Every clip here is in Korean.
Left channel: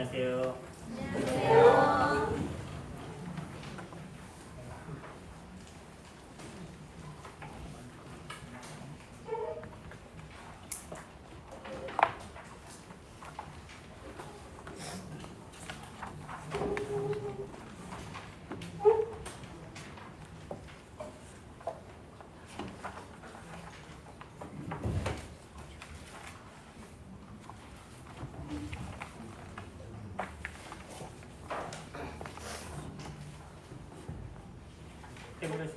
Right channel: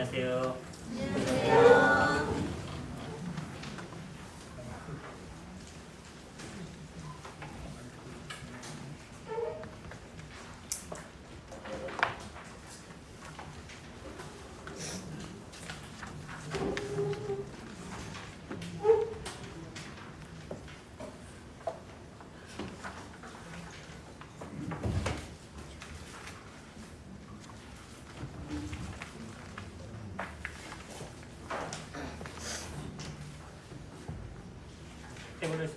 안녕하세요. 태블릿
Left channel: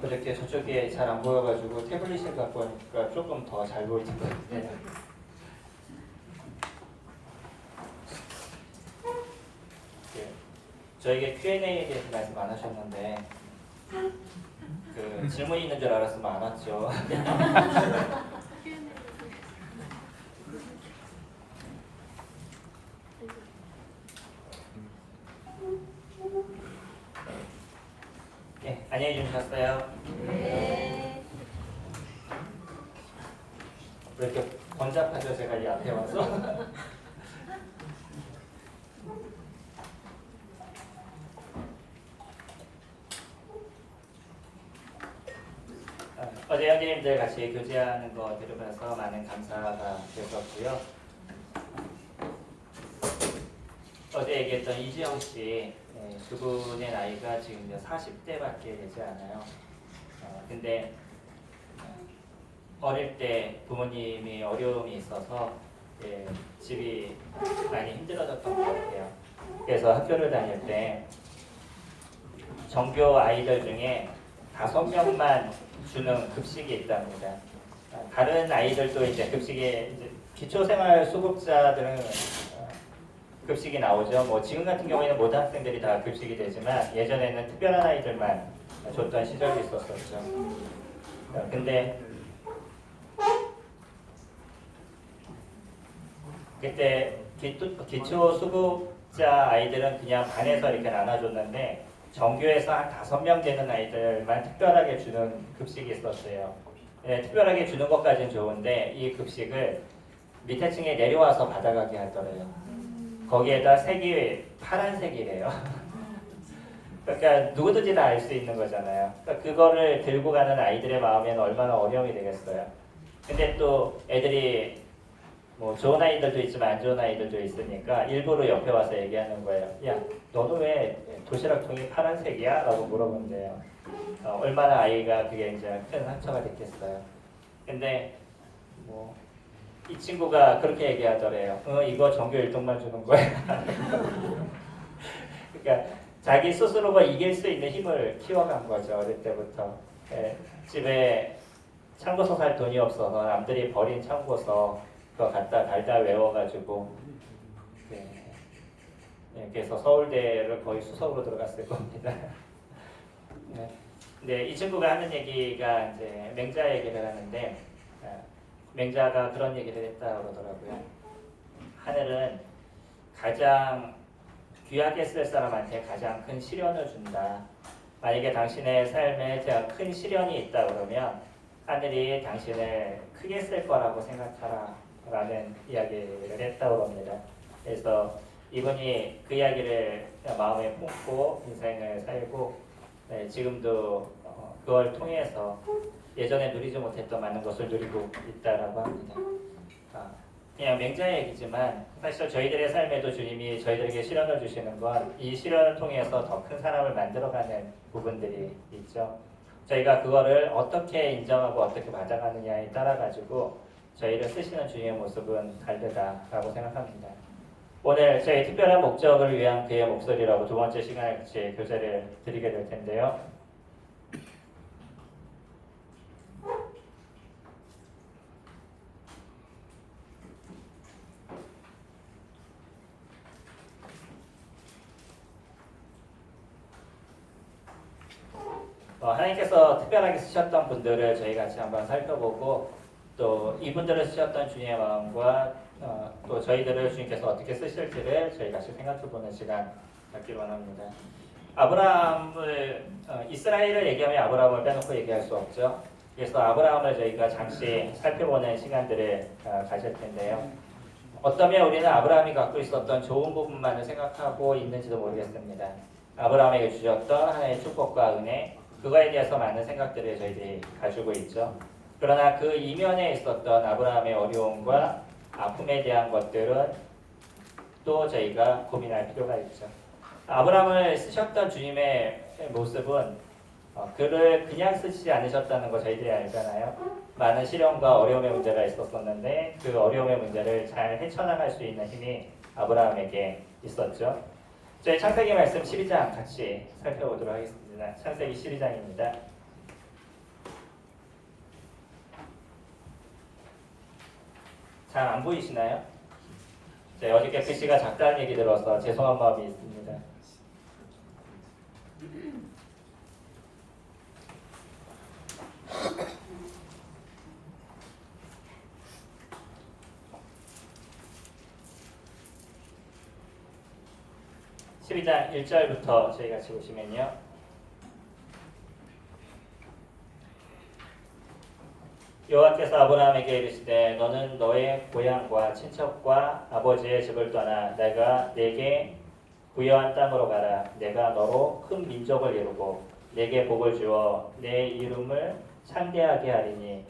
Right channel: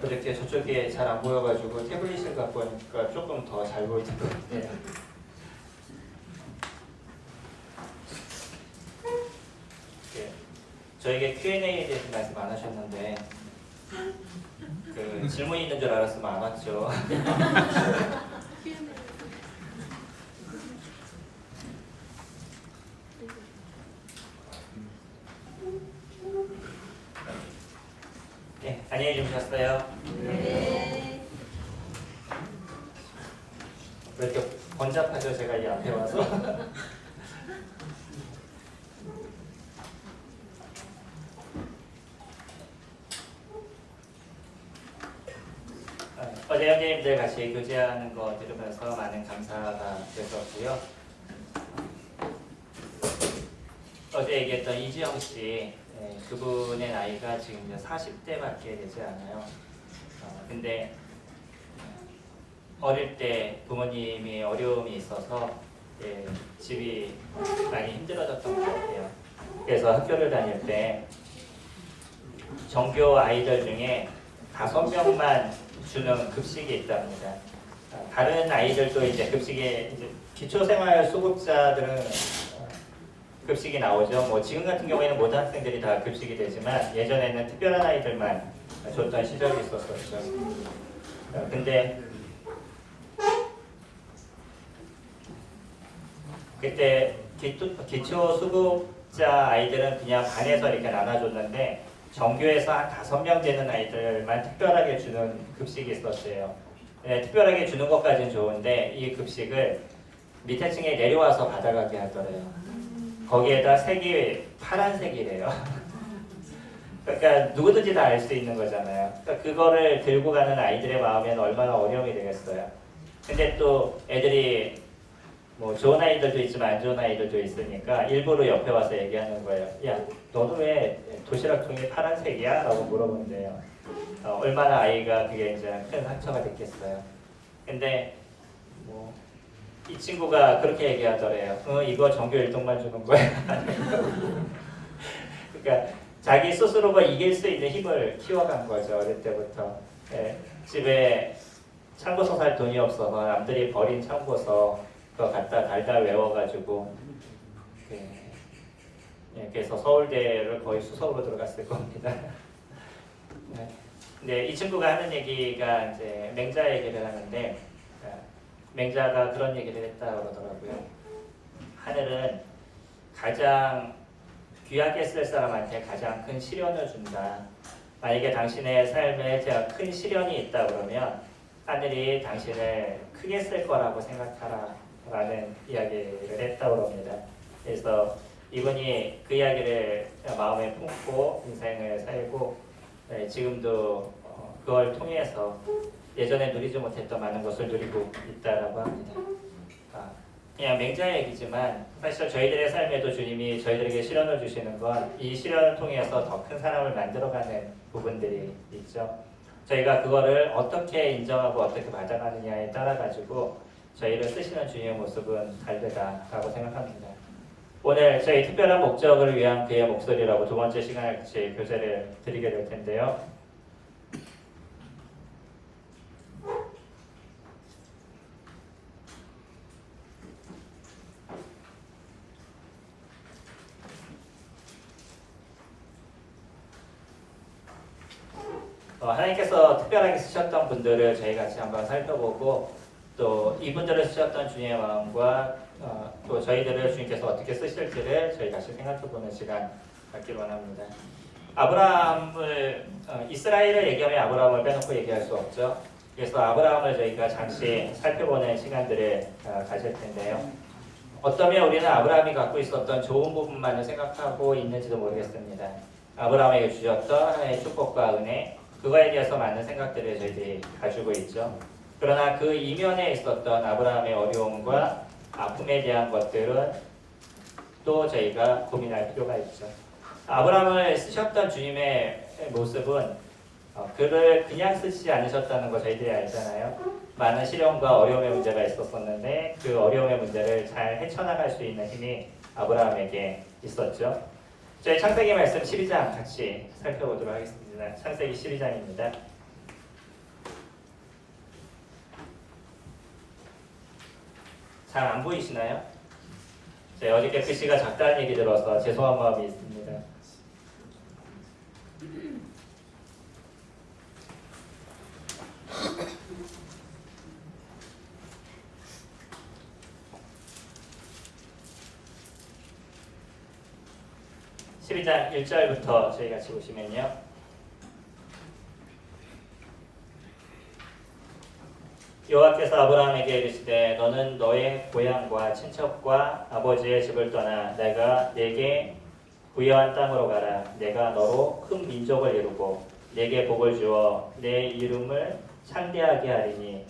그저께 저쪽에 잘 안 보여가지고 태블릿을 갖고 오니까 조금 더 잘 보이는 것 같아요. 저에게 Q&A에 대해서 말씀 안 하셨는데 그 질문 있는 줄 알았으면 안 왔죠. 네, 안녕히 주무셨어요? 네. 왜 이렇게 번잡하죠? 제가 이 앞에 와서. 어제 형제님들 같이 교제하는 거 들으면서 많은 감사가 됐었고요. 어제 얘기했던 이지영 씨, 그분의 나이가 지금 40대밖에 되지 않아요. 근데 어릴 때 부모님이 어려움이 있어서 집이 많이 힘들어졌던 것 같아요. 그래서 학교를 다닐 때 전교 아이들 중에 5명만 주는 급식이 있답니다. 다른 아이들도 이제 급식에 이제 기초생활 수급자들은 급식이 나오죠. 뭐 지금 같은 경우에는 모든 학생들이 다 급식이 되지만 예전에는 특별한 아이들만 줬던 시절이 있었었죠. 근데 그때 기초 수급자 아이들은 그냥 반에서 이렇게 나눠줬는데 전교에서 한 5명 되는 아이들만 특별하게 주는 급식이 있었어요. 특별하게 주는 것까지는 좋은데 이 급식을 밑에 층에 내려와서 받아가게 하더래요. 거기에다 색이 파란색이래요. 그러니까 누구든지 다 알 수 있는 거잖아요. 그러니까 그거를 들고 가는 아이들의 마음에는 얼마나 어려움이 되겠어요. 근데 또 애들이 뭐 좋은 아이들도 있지만 안 좋은 아이들도 있으니까 일부러 옆에 와서 얘기하는 거예요. 야, 너는 왜 도시락통이 파란색이야? 라고 물어본대요. 얼마나 아이가 그게 이제 큰 상처가 됐겠어요. 근데 뭐 이 친구가 그렇게 얘기하더래요. 이거 전교 1등만 주는 거야. 그러니까 자기 스스로가 이길 수 있는 힘을 키워간 거죠. 어릴 때부터. 집에 참고서 살 돈이 없어서 남들이 버린 참고서 그거 갖다 달달 외워가지고 그래서 서울대를 거의 수석으로 들어갔을 겁니다. 근데 이 친구가 하는 얘기가 이제 맹자 얘기를 하는데 맹자가 그런 얘기를 했다 그러더라고요. 하늘은 가장 귀하게 쓸 사람한테 가장 큰 시련을 준다. 만약에 당신의 삶에 제가 큰 시련이 있다 그러면 하늘이 당신을 크게 쓸 거라고 생각하라 라는 이야기를 했다고 합니다. 그래서 이분이 그 이야기를 마음에 품고 인생을 살고 지금도 그걸 통해서 예전에 누리지 못했던 많은 것을 누리고 있다라고 합니다. 그냥 맹자 얘기지만 사실 저희들의 삶에도 주님이 저희들에게 시련을 주시는 건 이 시련을 통해서 더 큰 사람을 만들어가는 부분들이 있죠. 저희가 그거를 어떻게 인정하고 어떻게 받아가느냐에 따라 가지고 저희를 쓰시는 주님의 모습은 다르다라고 생각합니다. 오늘 저희 특별한 목적을 위한 그의 목소리라고 두 번째 시간을 같이 교제를 드리게 될 텐데요. 하나님께서 특별하게 쓰셨던 분들을 저희 같이 한번 살펴보고 또 이분들을 쓰셨던 주님의 마음과 또 저희들을 주님께서 어떻게 쓰실지를 저희 같이 생각해보는 시간 갖기로 원합니다. 아브라함을 이스라엘을 얘기하면 아브라함을 빼놓고 얘기할 수 없죠. 그래서 아브라함을 저희가 잠시 살펴보는 시간들을 가질 텐데요. 어쩌면 우리는 아브라함이 갖고 있었던 좋은 부분만을 생각하고 있는지도 모르겠습니다. 아브라함에게 주셨던 하나님의 축복과 은혜, 그거에 대해서 많은 생각들을 저희들이 가지고 있죠. 그러나 그 이면에 있었던 아브라함의 어려움과 아픔에 대한 것들은 또 저희가 고민할 필요가 있죠. 아브라함을 쓰셨던 주님의 모습은 그를 그냥 쓰시지 않으셨다는 거 저희들이 알잖아요. 많은 시련과 어려움의 문제가 있었었는데 그 어려움의 문제를 잘 헤쳐나갈 수 있는 힘이 아브라함에게 있었죠. 저희 창세기 말씀 12장 같이 살펴보도록 하겠습니다. 창세기 12장입니다. 잘 안 보이시나요? 제가 어저께 글씨가 작다는 얘기 들어서 죄송한 마음이 있습니다. (12장) 1절부터 저희 같이 보시면요. 여호와께서 아브라함에게 이르시되 너는 너의 고향과 친척과 아버지의 집을 떠나 내가 네게 부여한 땅으로 가라. 내가 너로 큰 민족을 이루고 네게 복을 주어 내 이름을 창대하게 하리니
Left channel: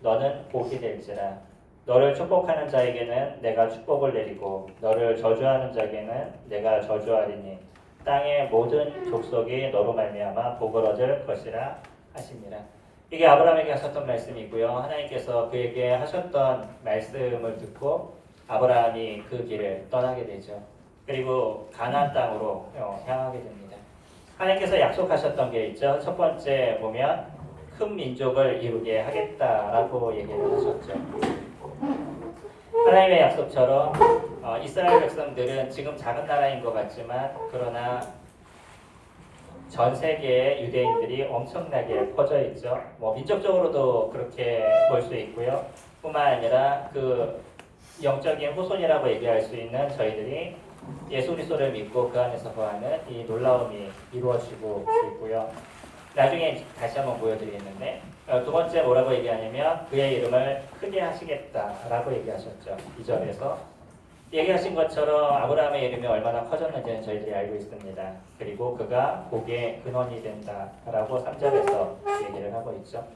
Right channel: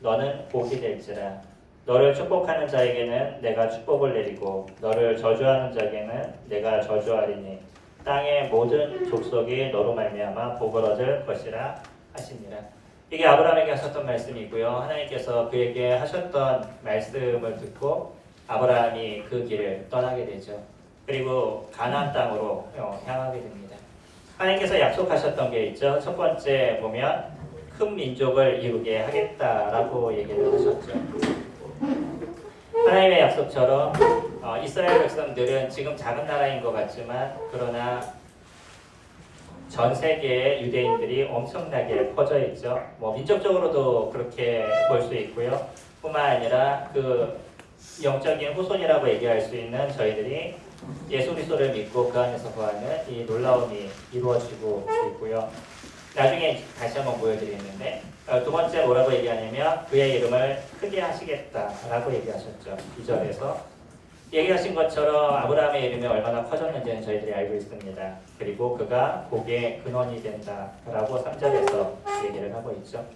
너는 복이 될지라. 너를 축복하는 자에게는 내가 축복을 내리고 너를 저주하는 자에게는 내가 저주하리니 땅의 모든 족속이 너로 말미암아 복을 얻을 것이라 하시니라. 이게 아브라함에게 하셨던 말씀이고요. 하나님께서 그에게 하셨던 말씀을 듣고 아브라함이 그 길을 떠나게 되죠. 그리고 가나안 땅으로 향하게 됩니다. 하나님께서 약속하셨던 게 있죠. 첫 번째 보면 큰 민족을 이루게 하겠다라고 얘기를 하셨죠. 하나님의 약속처럼 이스라엘 백성들은 지금 작은 나라인 것 같지만 그러나 전 세계의 유대인들이 엄청나게 퍼져 있죠. 민족적으로도 그렇게 볼 수 있고요. 뿐만 아니라 그 영적인 후손이라고 얘기할 수 있는 저희들이 예수 그리스도를 믿고 그 안에서 거하는 이 놀라움이 이루어지고 있고요. 나중에 다시 한번 보여드리겠는데 두 번째 뭐라고 얘기하냐면 그의 이름을 크게 하시겠다라고 얘기하셨죠. 2절에서 얘기하신 것처럼 아브라함의 이름이 얼마나 커졌는지는 저희들이 알고 있습니다. 그리고 그가 복의 근원이 된다라고 3절에서 얘기를 하고 있죠.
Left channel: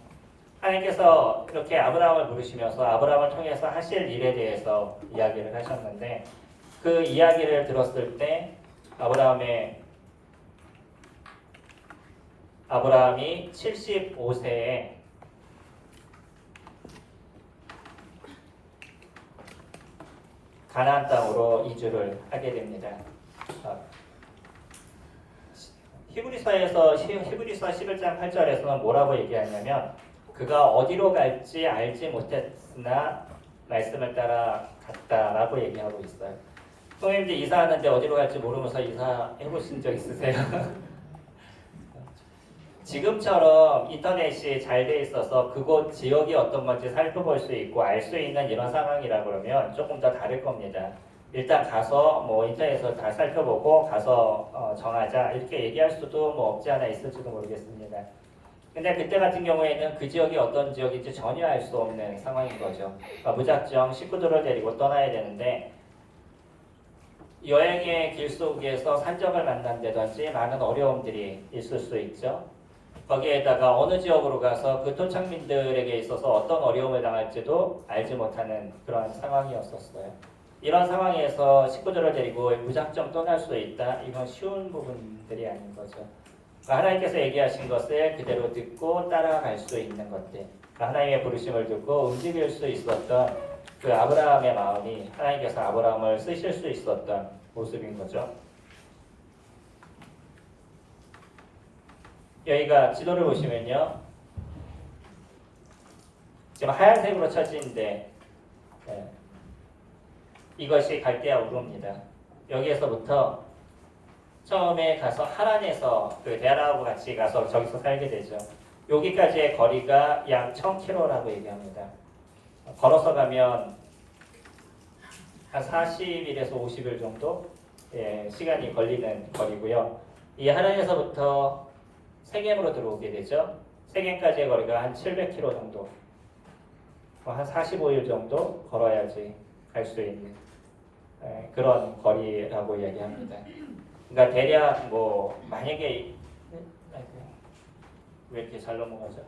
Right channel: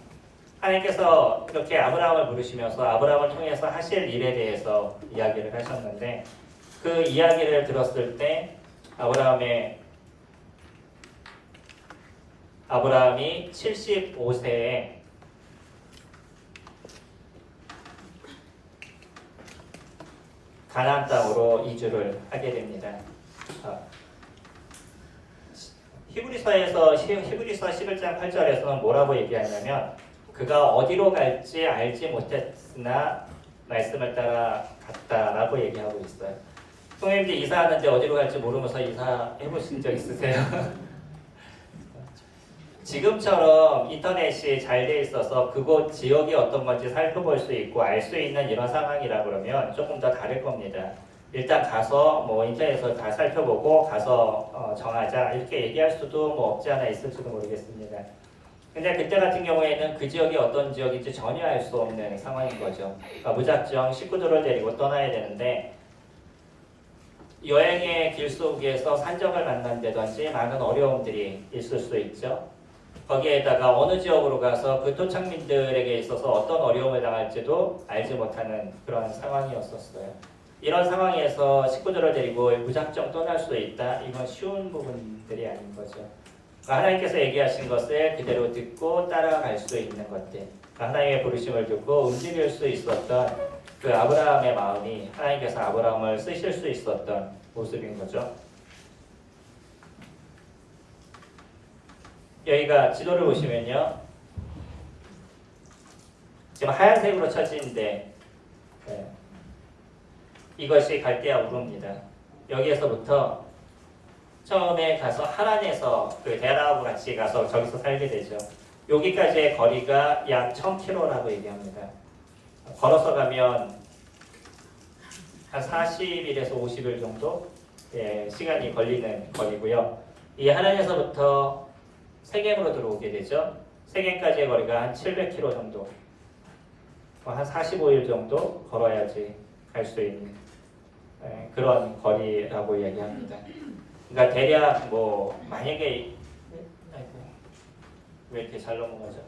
하나님께서 이렇게 아브라함을 부르시면서 아브라함을 통해서 하실 일에 대해서 이야기를 하셨는데 그 이야기를 들었을 때 아브라함이 75세에 가나안 땅으로 이주를 하게 됩니다. 히브리서 11장 8절에서는 뭐라고 얘기하냐면 그가 어디로 갈지 알지 못했으나 말씀을 따라 갔다라고 얘기하고 있어요. 형님들 이사하는데 어디로 갈지 모르면서 이사해 보신 적 있으세요? 지금처럼 인터넷이 잘 돼 있어서 그곳 지역이 어떤 건지 살펴볼 수 있고 알 수 있는 이런 상황이라 그러면 조금 더 다를 겁니다. 일단 가서 인터넷에서 다 살펴보고 가서 정하자 이렇게 얘기할 수도 없지 않아 있을지도 모르겠습니다. 근데 그때 같은 경우에는 그 지역이 어떤 지역인지 전혀 알 수 없는 상황인 거죠. 그러니까 무작정 식구들을 데리고 떠나야 되는데 여행의 길 속에서 산적을 만난다든지 많은 어려움들이 있을 수 있죠. 거기에다가 어느 지역으로 가서 그 토착민들에게 있어서 어떤 어려움을 당할지도 알지 못하는 그런 상황이었었어요. 이런 상황에서 식구들을 데리고 무작정 떠날 수 있다. 이건 쉬운 부분들이 아닌 거죠. 그러니까 하나님께서 얘기하신 것을 그대로 듣고 따라갈 수 있는 것들. 그러니까 하나님의 부르심을 듣고 움직일 수 있었던 그 아브라함의 마음이 하나님께서 아브라함을 쓰실 수 있었던 모습인 거죠. 여기가 지도를 보시면요. 지금 하얀색으로 쳐진데 이것이 갈대아 우르입니다. 여기에서부터 처음에 가서 하란에서 그 데라하고 같이 가서 저기서 살게 되죠. 여기까지의 거리가 약 1000km라고 얘기합니다. 걸어서 가면 한 40일에서 50일 정도 시간이 걸리는 거리고요. 이 하란에서부터 세겜으로 들어오게 되죠. 세겜까지의 거리가 한 700km 정도, 한 45일 정도 걸어야지 갈 수 있는 그런 거리라고 이야기합니다. 그러니까 대략 뭐 만약에 왜 이렇게 잘 넘어가죠?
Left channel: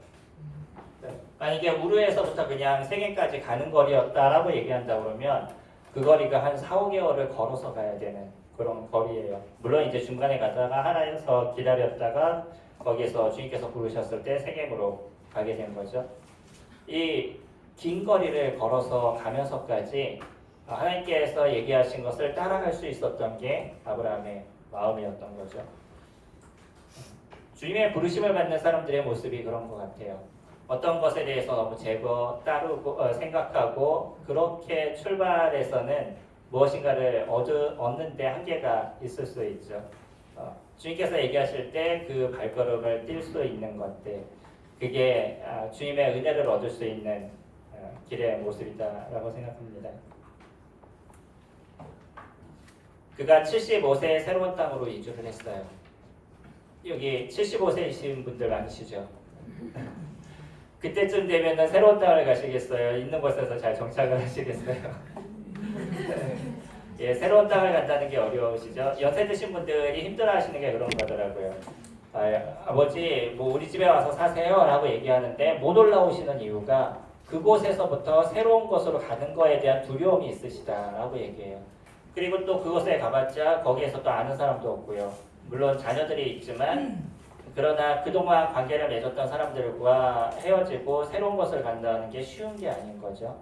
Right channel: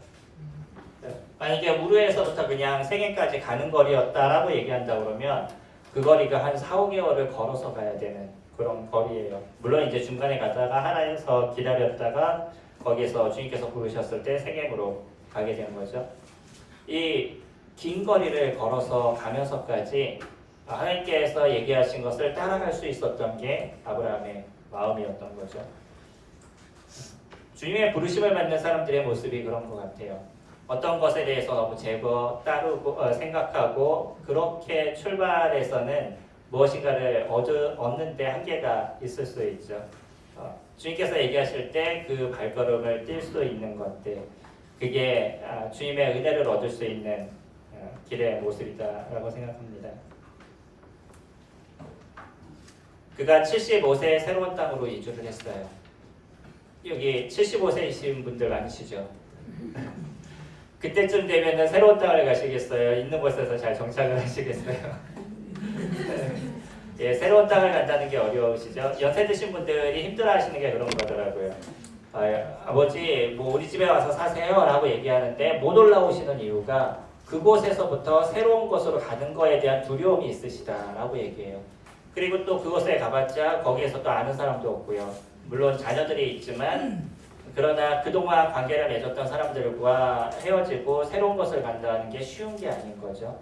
만약에 우르에서부터 그냥 세겜까지 가는 거리였다라고 얘기한다 그러면 그 거리가 한 4, 5개월을 걸어서 가야 되는 그런 거리예요. 물론 이제 중간에 가다가 하나에서 기다렸다가 거기에서 주님께서 부르셨을 때 세겜으로 가게 된 거죠. 이 긴 거리를 걸어서 가면서까지 하나님께서 얘기하신 것을 따라갈 수 있었던 게 아브라함의 마음이었던 거죠. 주님의 부르심을 받는 사람들의 모습이 그런 것 같아요. 어떤 것에 대해서 너무 따르고 생각하고 그렇게 출발해서는 무엇인가를 얻는데 한계가 있을 수 있죠. 주님께서 얘기하실 때 그 발걸음을 뛸 수 있는 것들, 그게 주님의 은혜를 얻을 수 있는 길의 모습이다라고 생각합니다. 그가 75세에 새로운 땅으로 이주를 했어요. 여기 75세이신 분들 많으시죠? 그때쯤 되면 새로운 땅을 가시겠어요? 있는 곳에서 잘 정착을 하시겠어요? 예, 새로운 땅을 간다는 게 어려우시죠? 연세 드신 분들이 힘들어하시는 게 그런 거더라고요. 아버지, 뭐 우리 집에 와서 사세요 라고 얘기하는데 못 올라오시는 이유가 그곳에서부터 새로운 곳으로 가는 거에 대한 두려움이 있으시다라고 얘기해요. 그리고 또 그곳에 가봤자 거기에서 또 아는 사람도 없고요. 물론 자녀들이 있지만 그러나 그동안 관계를 맺었던 사람들과 헤어지고 새로운 곳을 간다는 게 쉬운 게 아닌 거죠.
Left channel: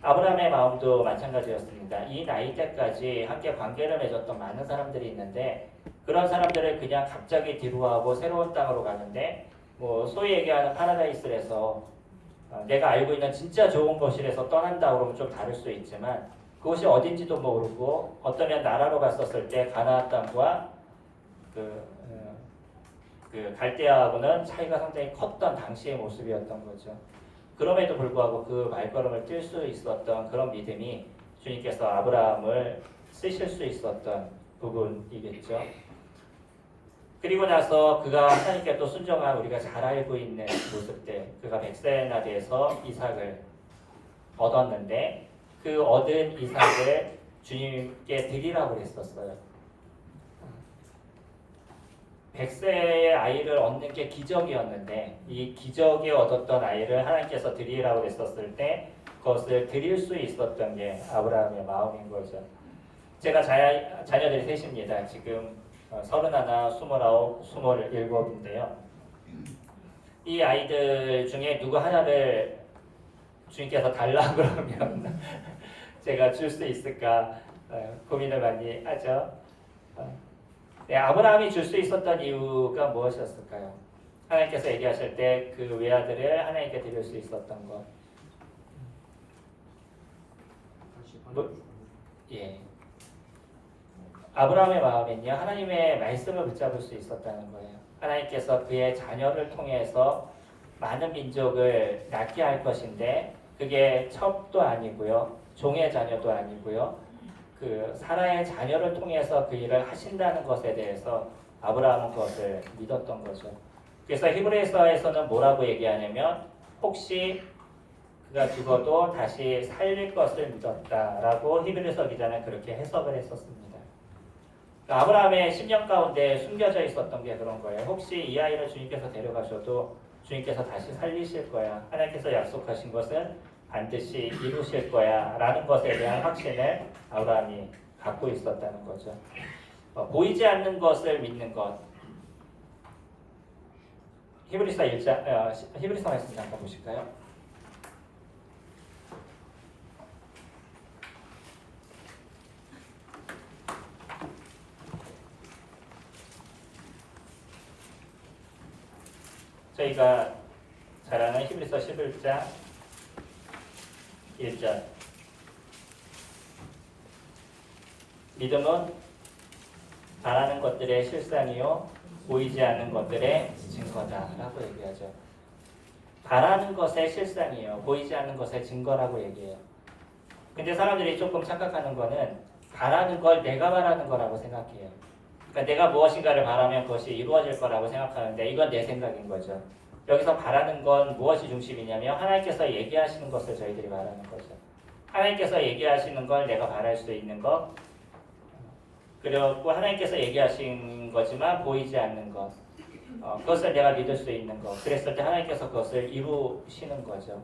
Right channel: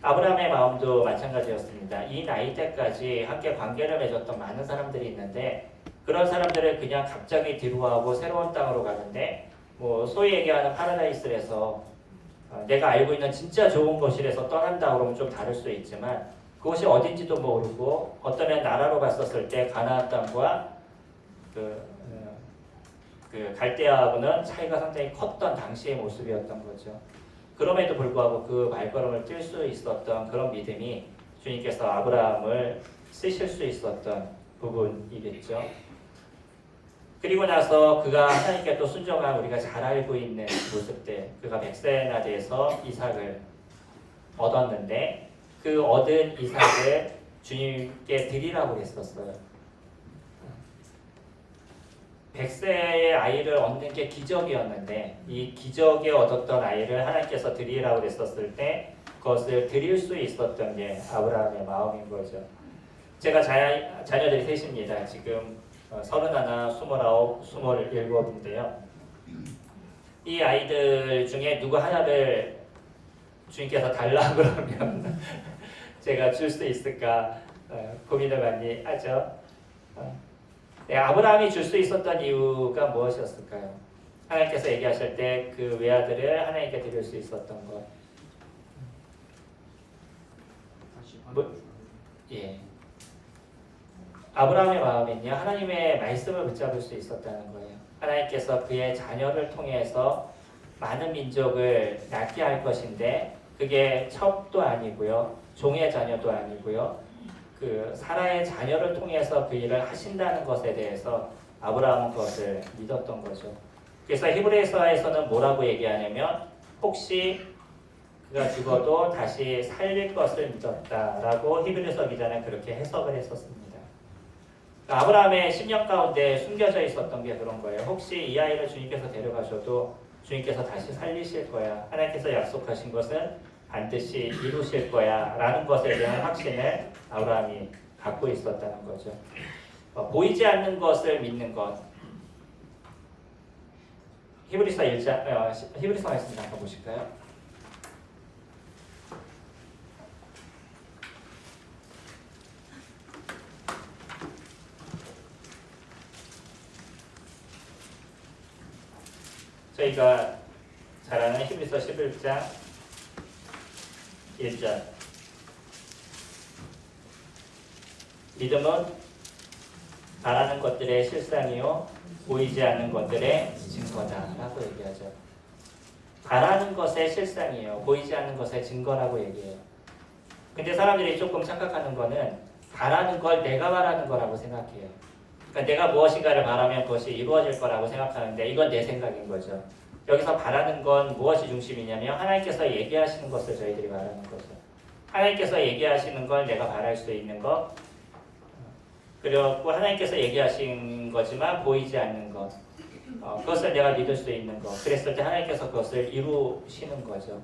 아브라함의 마음도 마찬가지였습니다. 이 나이 때까지 함께 관계를 맺었던 많은 사람들이 있는데 그런 사람들을 그냥 갑자기 뒤로하고 새로운 땅으로 가는데 뭐 소위 얘기하는 파라다이스에서 내가 알고 있는 진짜 좋은 곳이라서 떠난다 그러면 좀 다를 수 있지만 그곳이 어딘지도 모르고 어떠면 나라로 갔었을 때 가나안 땅과 그 갈대아하고는 차이가 상당히 컸던 당시의 모습이었던 거죠. 그럼에도 불구하고 그 발걸음을 뛸 수 있었던 그런 믿음이 주님께서 아브라함을 쓰실 수 있었던 부분이겠죠. 그리고 나서 그가 하나님께 또 순종한 우리가 잘 알고 있는 모습들, 그가 100세나 돼서 이삭을 얻었는데 그 얻은 이삭을 주님께 드리라고 했었어요. 100세의 아이를 얻는 게 기적이었는데 이 기적에 얻었던 아이를 하나님께서 드리라고 했었을 때 그것을 드릴 수 있었던 게 아브라함의 마음인 거죠. 제가 자녀들이 셋입니다. 지금 31, 29, 27인데요. 이 아이들 중에 누구 하나를 주님께서 달라 그러면 제가 줄 수 있을까 고민을 많이 하죠. 아브라함이 줄 수 있었던 이유가 무엇이었을까요? 하나님께서 얘기하실 때 그 외아들을 하나님께 드릴 수 있었던 것. 예. 아브라함의 마음은요, 하나님의 말씀을 붙잡을 수 있었다는 거예요. 하나님께서 그의 자녀를 통해서 많은 민족을 낳게 할 것인데 그게 첩도 아니고요, 종의 자녀도 아니고요, 그 사라의 자녀를 통해서 그 일을 하신다는 것에 대해서 아브라함은 그것을 믿었던 거죠. 그래서 히브리서에서는 뭐라고 얘기하냐면 혹시 그가 죽어도 다시 살릴 것을 믿었다라고 히브리서 기자는 그렇게 해석을 했었습니다. 그러니까 아브라함의 10년 가운데 숨겨져 있었던 게 그런 거예요. 혹시 이 아이를 주님께서 데려가셔도 주님께서 다시 살리실 거야. 하나님께서 약속하신 것은 반드시 이루실 거야 라는 것에 대한 확신을 아브라함이 갖고 있었다는 거죠. 보이지 않는 것을 믿는 것. 히브리서 1장, 히브리서 말씀 잠깐 보실까요? 저희가 잘 아는 히브리서 11장 1절. 믿음은 바라는 것들의 실상이요 보이지 않는 것들의 증거다라고 얘기하죠. 바라는 것의 실상이에요. 보이지 않는 것의 증거라고 얘기해요. 근데 사람들이 조금 착각하는 거는 바라는 걸 내가 바라는 거라고 생각해요. 그러니까 내가 무엇인가를 바라면 그것이 이루어질 거라고 생각하는데 이건 내 생각인 거죠. 여기서 바라는 건 무엇이 중심이냐면 하나님께서 얘기하시는 것을 저희들이 바라는 거죠. 하나님께서 얘기하시는 걸 내가 바랄 수 있는 것, 그리고 하나님께서 얘기하신 거지만 보이지 않는 것, 그것을 내가 믿을 수 있는 것. 그랬을 때 하나님께서 그것을 이루시는 거죠.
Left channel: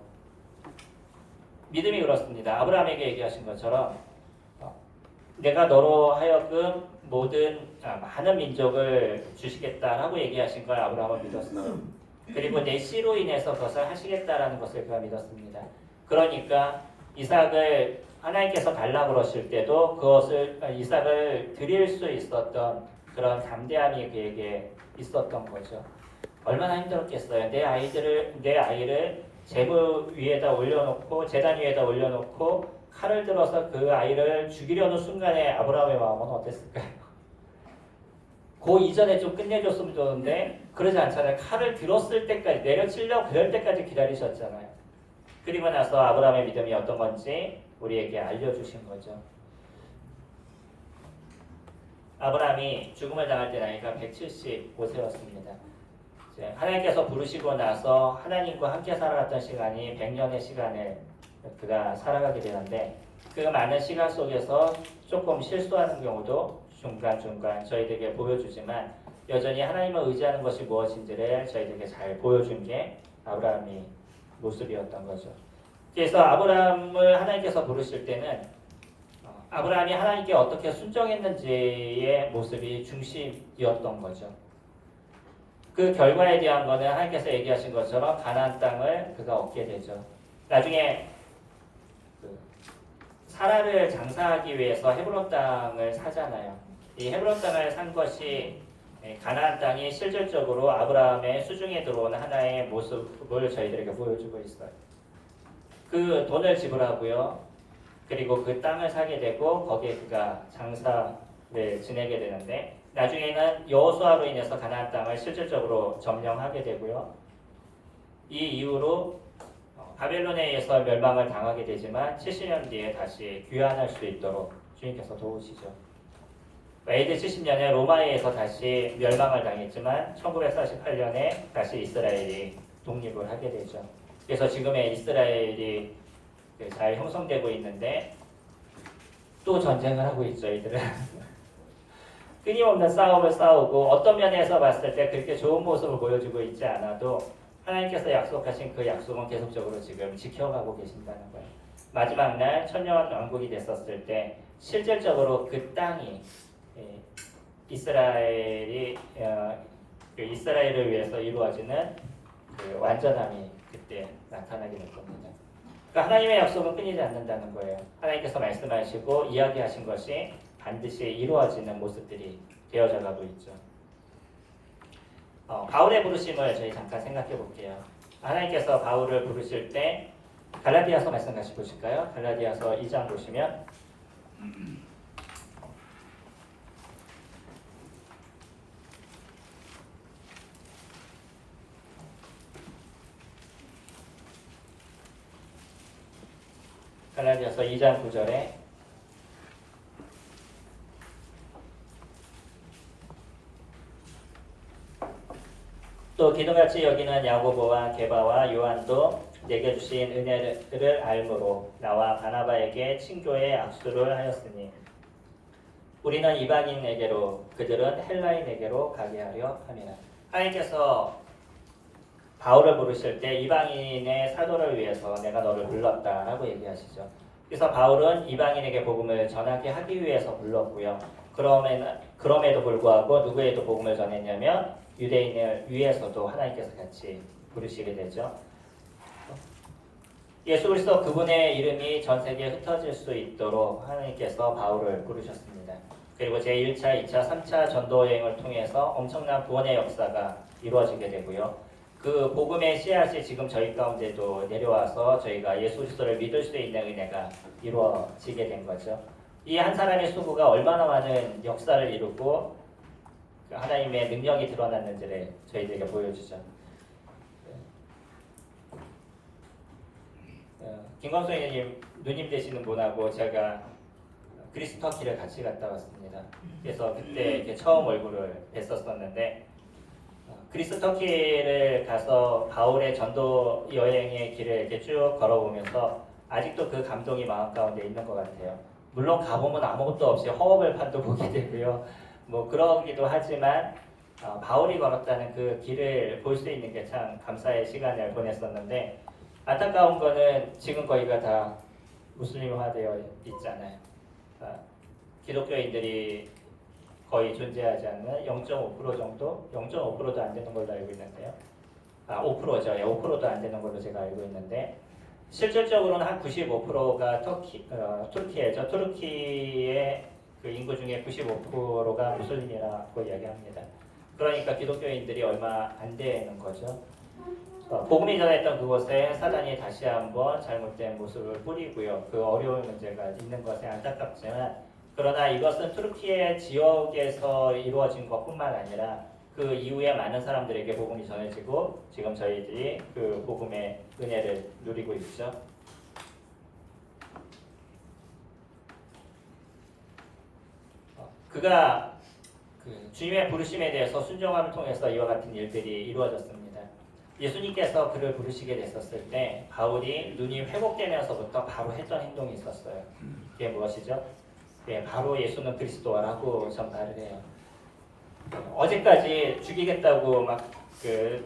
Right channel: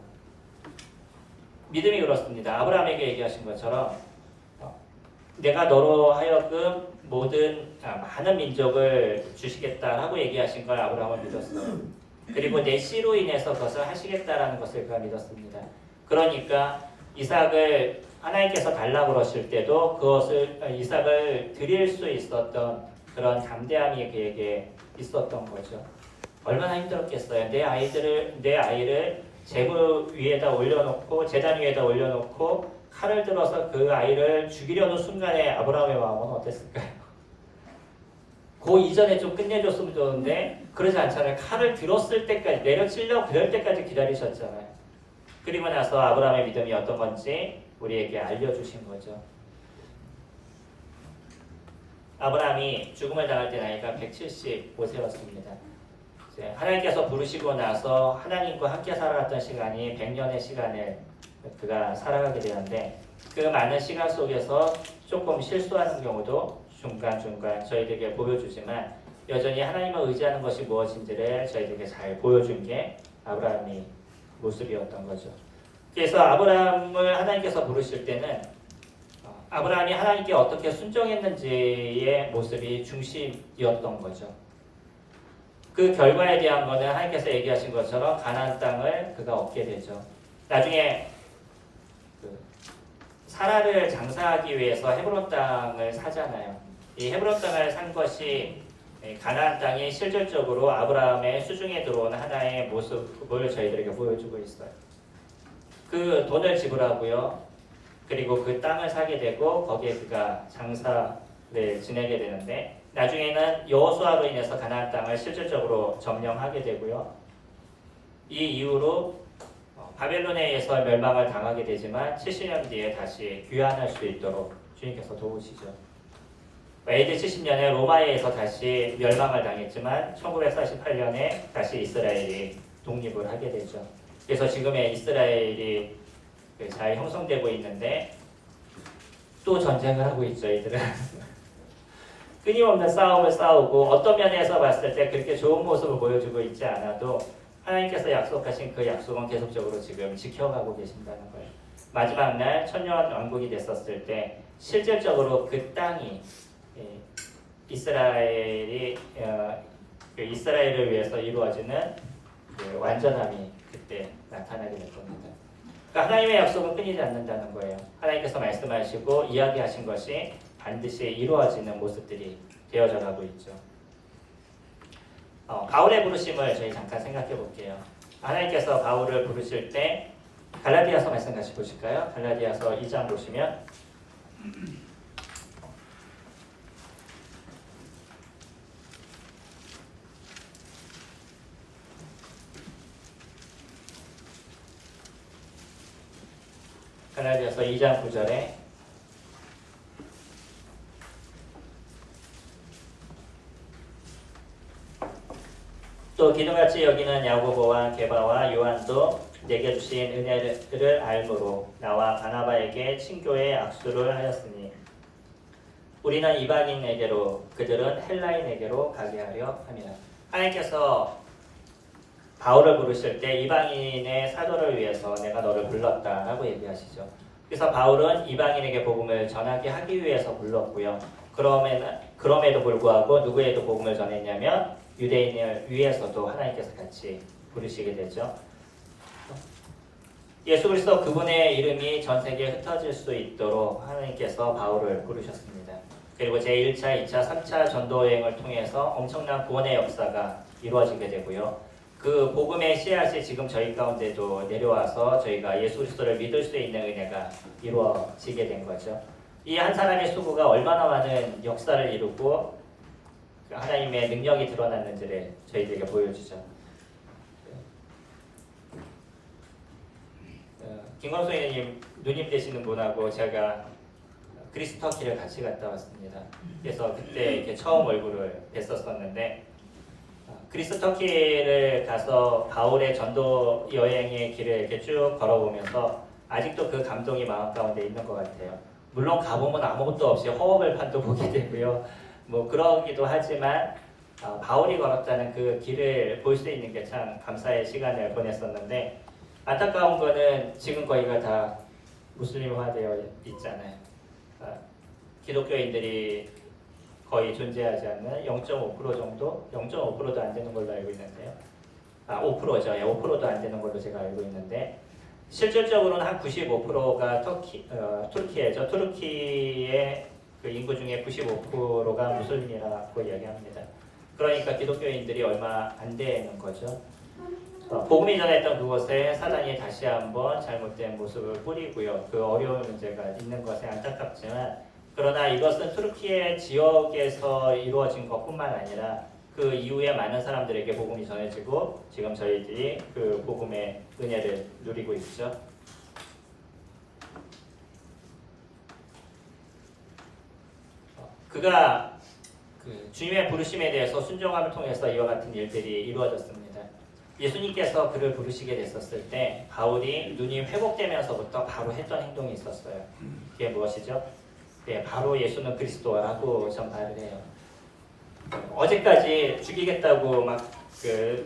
믿음이 그렇습니다. 아브라함에게 얘기하신 것처럼 내가 너로 하여금 많은 민족을 주시겠다라고 얘기하신 걸 아브라함은 믿었어요. 그리고 내 씨로 인해서 그것을 하시겠다라는 것을 그가 믿었습니다. 그러니까 이삭을 하나님께서 달라고 그러실 때도 그것을 이삭을 드릴 수 있었던 그런 담대함이 그에게 있었던 거죠. 얼마나 힘들었겠어요. 내 아이를 제물 위에다 올려놓고 제단 위에다 올려놓고 칼을 들어서 그 아이를 죽이려는 순간에 아브라함의 마음은 어땠을까요? 그 이전에 좀 끝내줬으면 좋은데 그러지 않잖아요. 칼을 들었을 때까지 내려치려고 그럴 때까지 기다리셨잖아요. 그리고 나서 아브라함의 믿음이 어떤 건지 우리에게 알려주신 거죠. 아브라함이 죽음을 당할 때 나이가 175세였습니다. 하나님께서 부르시고 나서 하나님과 함께 살아갔던 시간이 100년의 시간을 그가 살아가게 되는데 그 많은 시간 속에서 조금 실수하는 경우도 중간중간 저희들에게 보여주지만 여전히 하나님을 의지하는 것이 무엇인지를 저희들에게 잘 보여준 게 아브라함의 모습이었던 거죠. 그래서 아브라함을 하나님께서 부르실 때는 아브라함이 하나님께 어떻게 순종했는지의 모습이 중심이었던 거죠. 그 결과에 대한 거는 하나님께서 얘기하신 것처럼 가나안 땅을 그가 얻게 되죠. 나중에 사라를 장사하기 위해서 헤브론 땅을 사잖아요. 이 헤브론 땅을 산 것이 가나안 땅이 실질적으로 아브라함의 수중에 들어온 하나의 모습을 저희들에게 보여주고 있어요. 그 돈을 지불하고요. 그리고 그 땅을 사게 되고 거기에 그가 장사를 지내게 되는데 나중에는 여호수아로 인해서 가나안 땅을 실질적으로 점령하게 되고요. 이 이후로 바벨론에 의해서 멸망을 당하게 되지만 70년 뒤에 다시 귀환할 수 있도록 주님께서 도우시죠. AD 70년에 로마에 의해서 다시 멸망을 당했지만 1948년에 다시 이스라엘이 독립을 하게 되죠. 그래서 지금의 이스라엘이 잘 형성되고 있는데 또 전쟁을 하고 있죠. 이들은 끊임없는 싸움을 싸우고 어떤 면에서 봤을 때 그렇게 좋은 모습을 보여주고 있지 않아도 하나님께서 약속하신 그 약속은 계속적으로 지금 지켜가고 계신다는 거예요. 마지막 날 천년 왕국이 됐었을 때 실질적으로 그 땅이 이스라엘을 위해서 이루어지는 그 완전함이 그때 나타나게 될 겁니다. 그러니까 하나님의 약속은 끊이지 않는다는 거예요. 하나님께서 말씀하시고 이야기하신 것이 반드시 이루어지는 모습들이 되어져 가고 있죠. 바울의 부르심을 저희 잠깐 생각해 볼게요. 하나님께서 바울을 부르실 때 갈라디아서 말씀 같이 보실까요? 갈라디아서 2장 보시면 갈라디아서 2장 9절에 또 기둥같이 여기는 야고보와 게바와 요한도 내게 주신 은혜를 알므로 나와 바나바에게 친교의 악수를 하였으니 우리는 이방인에게로 그들은 헬라인에게로 가게 하려 함이라. 하나님께서 바울을 부르실 때 이방인의 사도를 위해서 내가 너를 불렀다라고 얘기하시죠. 그래서 바울은 이방인에게 복음을 전하게 하기 위해서 불렀고요. 그럼에도 불구하고 누구에도 복음을 전했냐면 유대인을 위해서도 하나님께서 같이 부르시게 되죠. 예수 그리스도 그분의 이름이 전 세계에 흩어질 수 있도록 하나님께서 바울을 부르셨습니다. 그리고 제1차, 2차, 3차 전도 여행을 통해서 엄청난 구원의 역사가 이루어지게 되고요. 그 복음의 씨앗이 지금 저희 가운데도 내려와서 저희가 예수 그리스도를 믿을 수 있는 은혜가 이루어지게 된 거죠. 이 한 사람의 수고가 얼마나 많은 역사를 이루고 하나님의 능력이 드러났는지를 저희들에게 보여주죠. 김광수님 누님 되시는 분하고 제가 그리스 터키를 같이 갔다 왔습니다. 그래서 그때 이렇게 처음 얼굴을 뵀었었는데 그리스 터키를 가서 바울의 전도 여행의 길을 이렇게 쭉 걸어보면서 아직도 그 감동이 마음 가운데 있는 것 같아요. 물론 가보면 아무것도 없이 허허벌 판도 보게 되고요. 뭐 그러기도 하지만 바울이 걸었다는 그 길을 볼 수 있는 게 참 감사의 시간을 보냈었는데 안타까운 거는 지금 거기가 다 무슬림화되어 있잖아요. 기독교인들이 거의 존재하지 않는 0.5% 정도? 0.5%도 안 되는 걸로 알고 있는데요. 5%죠. 예, 5%도 안 되는 걸로 제가 알고 있는데 실질적으로는 한 95%가 투르키예죠. 투르키의 그 인구 중에 95%가 무슬림이라고 이야기합니다. 그러니까 기독교인들이 얼마 안 되는 거죠. 복음이 전했던 그곳에 사단이 다시 한번 잘못된 모습을 뿌리고요. 그 어려운 문제가 있는 것에 안타깝지만 그러나 이것은 투르키의 지역에서 이루어진 것뿐만 아니라 그 이후에 많은 사람들에게 복음이 전해지고 지금 저희들이 그 복음의 은혜를 누리고 있죠. 그가 그 주님의 부르심에 대해서 순종함을 통해서 이와 같은 일들이 이루어졌습니다. 예수님께서 그를 부르시게 됐었을 때 바울이 눈이 회복되면서부터 바로 했던 행동이 있었어요. 그게 무엇이죠? 네, 바로 예수는 그리스도라고 전파를 해요. 어제까지 죽이겠다고 막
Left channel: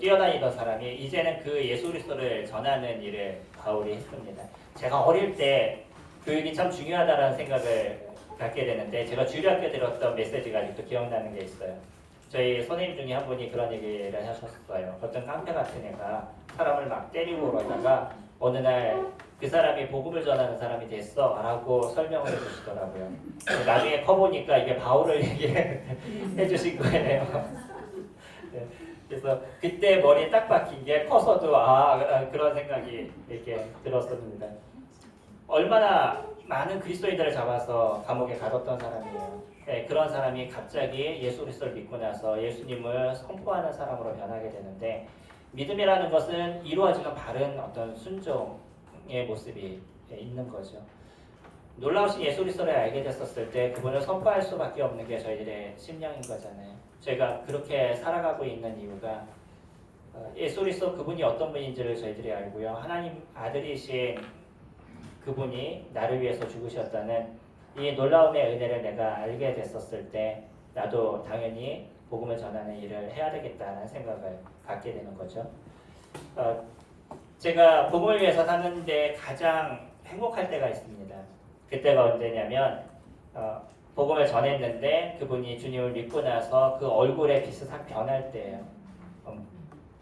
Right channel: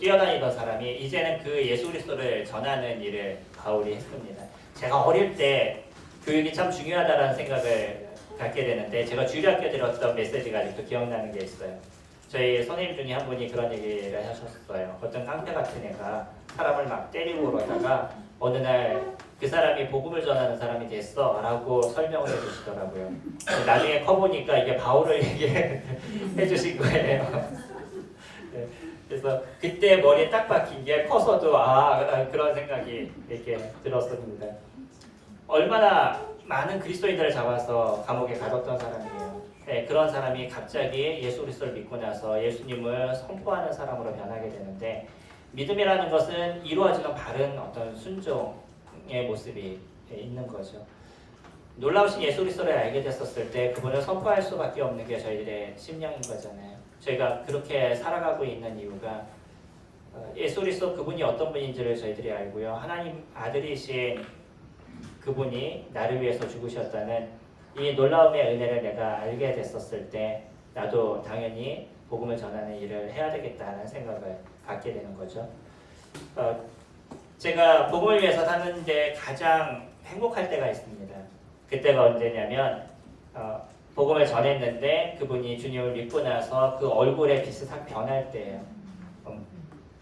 뛰어다니던 사람이 이제는 그 예수 그리스도를 전하는 일을 바울이 했습니다. 제가 어릴 때 교육이 참 중요하다는 생각을 갖게 되는데 제가 주일학교 들었던 메시지가 아직도 기억나는 게 있어요. 저희 선생님 중에 한 분이 그런 얘기를 하셨어요. 어떤 깡패 같은 애가 사람을 막 때리고 그러다가 어느 날 그 사람이 복음을 전하는 사람이 됐어 라고 설명을 해주시더라고요. 나중에 커보니까 이게 바울을 얘기해 주신 거예요. 네, 그래서 그때 머리에 딱 박힌 게 커서도 그런 생각이 이렇게 들었습니다. 얼마나 많은 그리스도인들을 잡아서 감옥에 가뒀던 사람이에요. 네, 그런 사람이 갑자기 예수 그리스도를 믿고 나서 예수님을 선포하는 사람으로 변하게 되는데 믿음이라는 것은 이루어지는 바른 어떤 순종의 모습이 있는 거죠. 놀라우신 예수 그리스도를 알게 됐었을 때 그분을 선포할 수밖에 없는 게 저희들의 심령인 거잖아요. 저희가 그렇게 살아가고 있는 이유가 예수 그리스도 그분이 어떤 분인지를 저희들이 알고요. 하나님 아들이신 그분이 나를 위해서 죽으셨다는 이 놀라움의 은혜를 내가 알게 됐었을 때 나도 당연히 복음을 전하는 일을 해야 되겠다는 생각을 갖게 되는 거죠. 제가 복음을 위해서 사는데 가장 행복할 때가 있습니다. 그때가 언제냐면 복음을 전했는데 그분이 주님을 믿고 나서 그 얼굴의 빛이 싹 변할 때예요.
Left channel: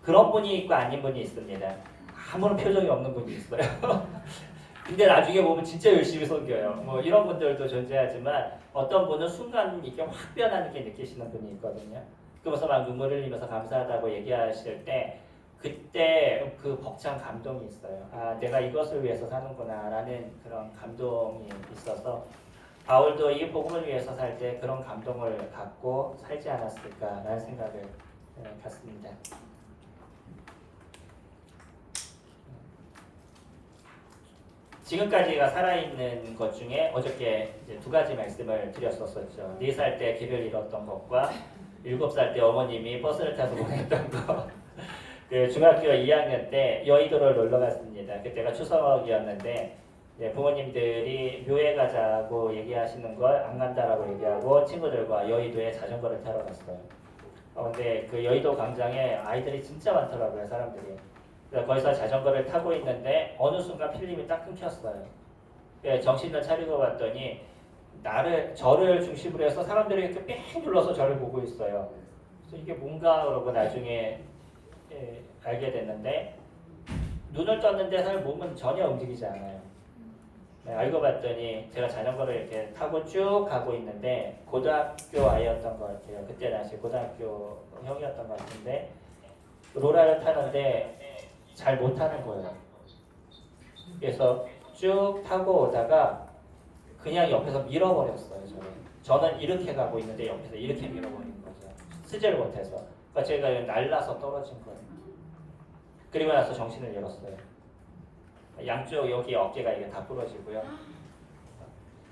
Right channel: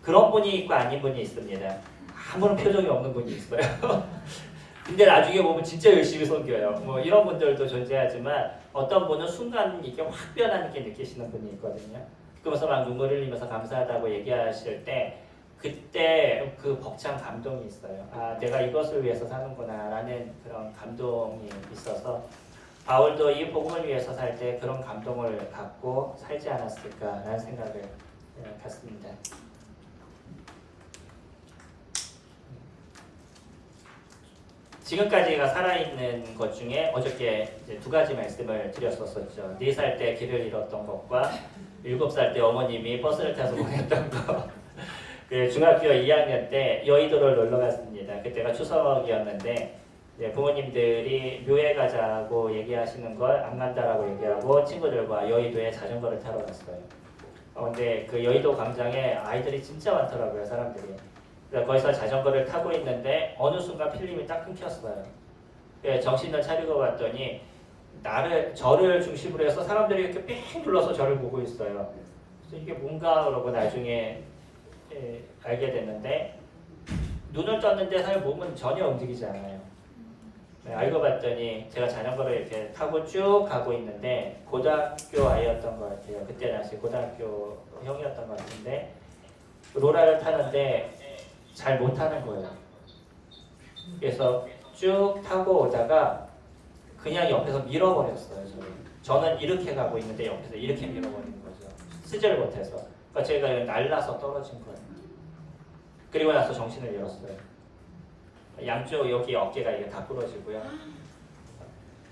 그런 분이 있고 아닌 분이 있습니다. 아무런 표정이 없는 분이 있어요. 근데 나중에 보면 진짜 열심히 섬겨요. 뭐 이런 분들도 존재하지만 어떤 분은 순간 이렇게 확 변하는 게 느끼시는 분이 있거든요. 그러면서 막 눈물을 흘리면서 감사하다고 얘기하실 때 그때 그 벅찬 감동이 있어요. 내가 이것을 위해서 사는구나 라는 그런 감동이 있어서 바울도 이 복음을 위해서 살 때 그런 감동을 갖고 살지 않았을까라는 생각을 갖습니다. 지금까지가 살아있는 것 중에 어저께 이제 두 가지 말씀을 드렸었죠. 4살 때 길을 잃었던 것과 7살 때 어머님이 버스를 타서 보냈던 것. 그 중학교 2학년 때 여의도를 놀러 갔습니다. 그때가 추석이었는데 부모님들이 묘에 가자고 얘기하시는 걸 안 간다라고 얘기하고 친구들과 여의도에 자전거를 타러 갔어요. 근데 그 여의도 광장에 아이들이 진짜 많더라고요, 사람들이. 거기서 자전거를 타고 있는데 어느 순간 필름이 딱 끊겼어요. 정신을 차리고 봤더니 저를 중심으로 해서 사람들이 이렇게 뺑 둘러서 저를 보고 있어요. 그래서 이게 뭔가 그러고 나중에 알게 됐는데 눈을 떴는데 사실 몸은 전혀 움직이지 않아요. 알고 봤더니 제가 자전거를 이렇게 타고 쭉 가고 있는데 고등학교 아이였던 것 같아요. 그때 당시 고등학교 형이었던 것 같은데 로라를 타는데 잘 못 타는 거예요. 그래서 쭉 타고 오다가 그냥 옆에서 밀어버렸어요. 저는 이렇게 가고 있는데 옆에서 이렇게 밀어버린 거죠. 쓰지를 못해서. 그러니까 제가 날라서 떨어진 거예요. 그리고 나서 정신을 잃었어요. 양쪽 여기 어깨가 이게 다 부러지고요.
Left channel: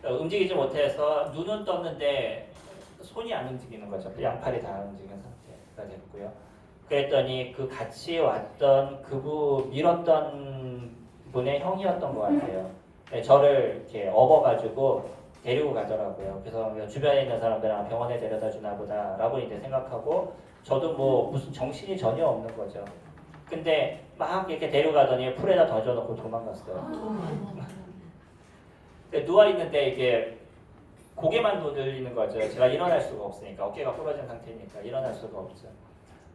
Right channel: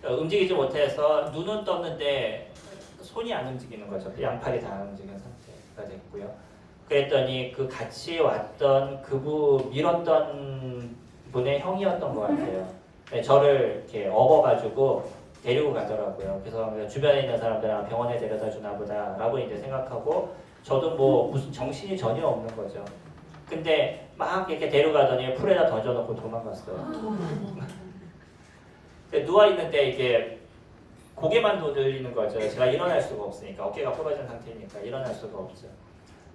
움직이지 못해서 눈은 떴는데 손이 안 움직이는 거죠. 양팔이 다 안 움직이는 상태가 됐고요. 그랬더니 그 같이 왔던 밀었던 분의 형이었던 것 같아요. 네, 저를 이렇게 업어가지고 데리고 가더라고요. 그래서 주변에 있는 사람들은 병원에 데려다 주나 보다라고 이제 생각하고 저도 뭐 무슨 정신이 전혀 없는 거죠. 근데 막 이렇게 데려가더니 풀에다 던져놓고 도망갔어요. 누워 있는데 이게 고개만 돌리는 거죠. 제가 일어날 수가 없으니까 어깨가 부러진 상태니까 일어날 수가 없죠.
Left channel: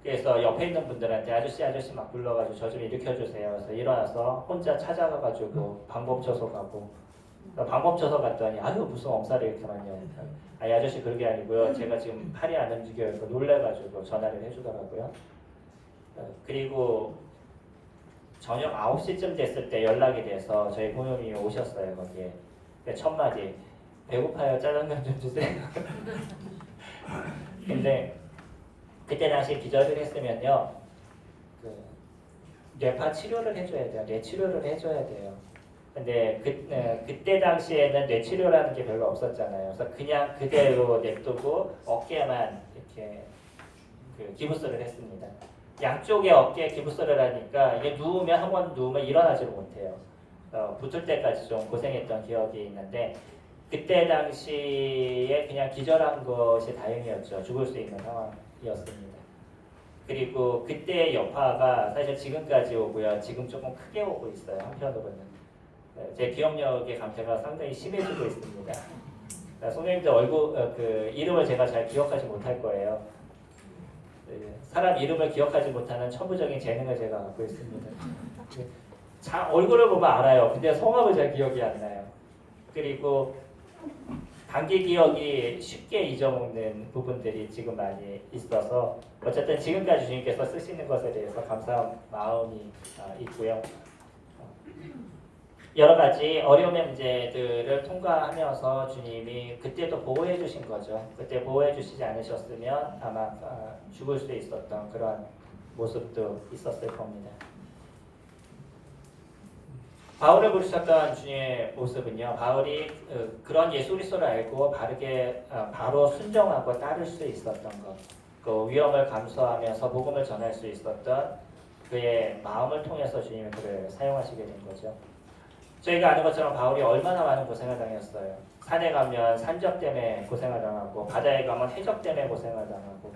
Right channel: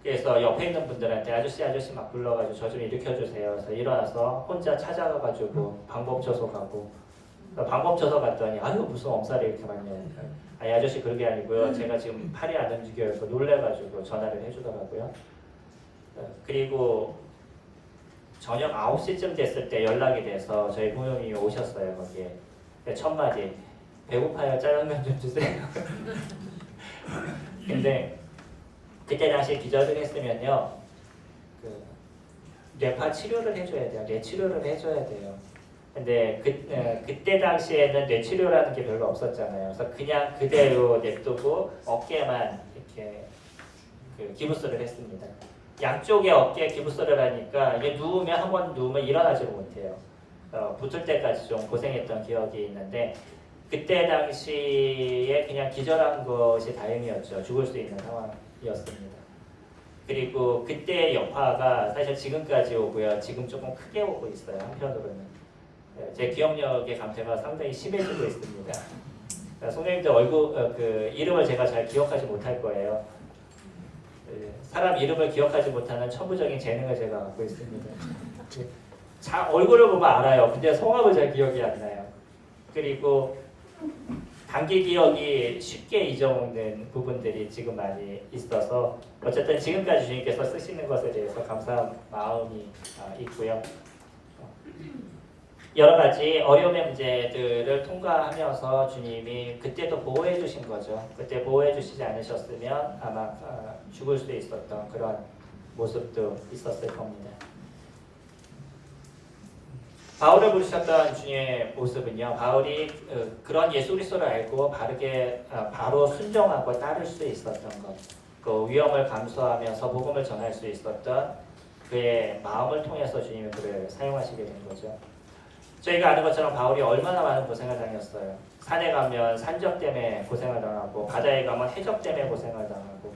그래서 옆에 있는 분들한테 아저씨 막 불러가지고 저 좀 일으켜주세요. 그래서 일어나서 혼자 찾아가가지고 방법초소 가고 방법초소 갔더니 아유 무슨 엄살이 이렇게 많냐고. 아니 아저씨 그런 게 아니고요. 제가 지금 팔이 안 움직여요. 그래서 놀래가지고 전화를 해주더라고요. 그리고 저녁 9시쯤 됐을 때 연락이 돼서 저희 부모님이 오셨어요. 거기에 첫 마디 배고파요. 짜장면 좀 주세요. 근데 그때 당시 기절을 했으면요, 뇌파 치료를 해줘야 돼요. 뇌 치료를 해줘야 돼요. 근데 그때 당시에는 뇌 치료라는 게 별로 없었잖아요. 그래서 그냥 그대로 냅두고 어깨만 이렇게 기부스를 했습니다. 양쪽에 어깨에 기부스를 하니까 이게 한 번 누우면 일어나지를 못해요. 붙을 때까지 좀 고생했던 기억이 있는데 그때 당시에 그냥 기절한 것이 다행이었죠. 죽을 수 있는 상황이었습니다. 그리고 그때 여파가 사실 지금까지 오고요. 지금 조금 크게 오고 있어요. 한편으로는. 제 기억력의 감퇴가 상당히 심해지고 있습니다. 선생님들 이름을 제가 잘 기억하지 못할 거예요. 사람 이름을 기억하지 못하는 천부적인 재능을 제가 갖고 있습니다. 얼굴을 보면 알아요. 근데 성함을 잘 기억이 안 나요. 그리고 단기 기억이 쉽게 잊어먹는 부분들이 지금 많이 있어서 어쨌든 지금까지 주님께서 쓰시는 것에 대해서 감사한 마음이 있고요. 여러 가지 어려움의 문제들을 통과하면서 주님이 그때도 보호해 주신 거죠. 그때 보호해 주시지 않으셨으면 아마 죽을 수 있었던 그런 모습도 있었을 겁니다. 바울을 부르셨던 주님의 모습은요. 바울이 그런 예수 그리스도를 알고 바로 순종하고 따를 수 있었던 것, 그 위험을 감수하면서 복음을 전할 수 있었던 그의 마음을 통해서 주님이 그를 사용하시게 된 거죠. 저희가 아는 것처럼 바울이 얼마나 많은 고생을 당했어요. 산에 가면 산적 때문에 고생을 당하고 바다에 가면 해적 때문에 고생을 당하고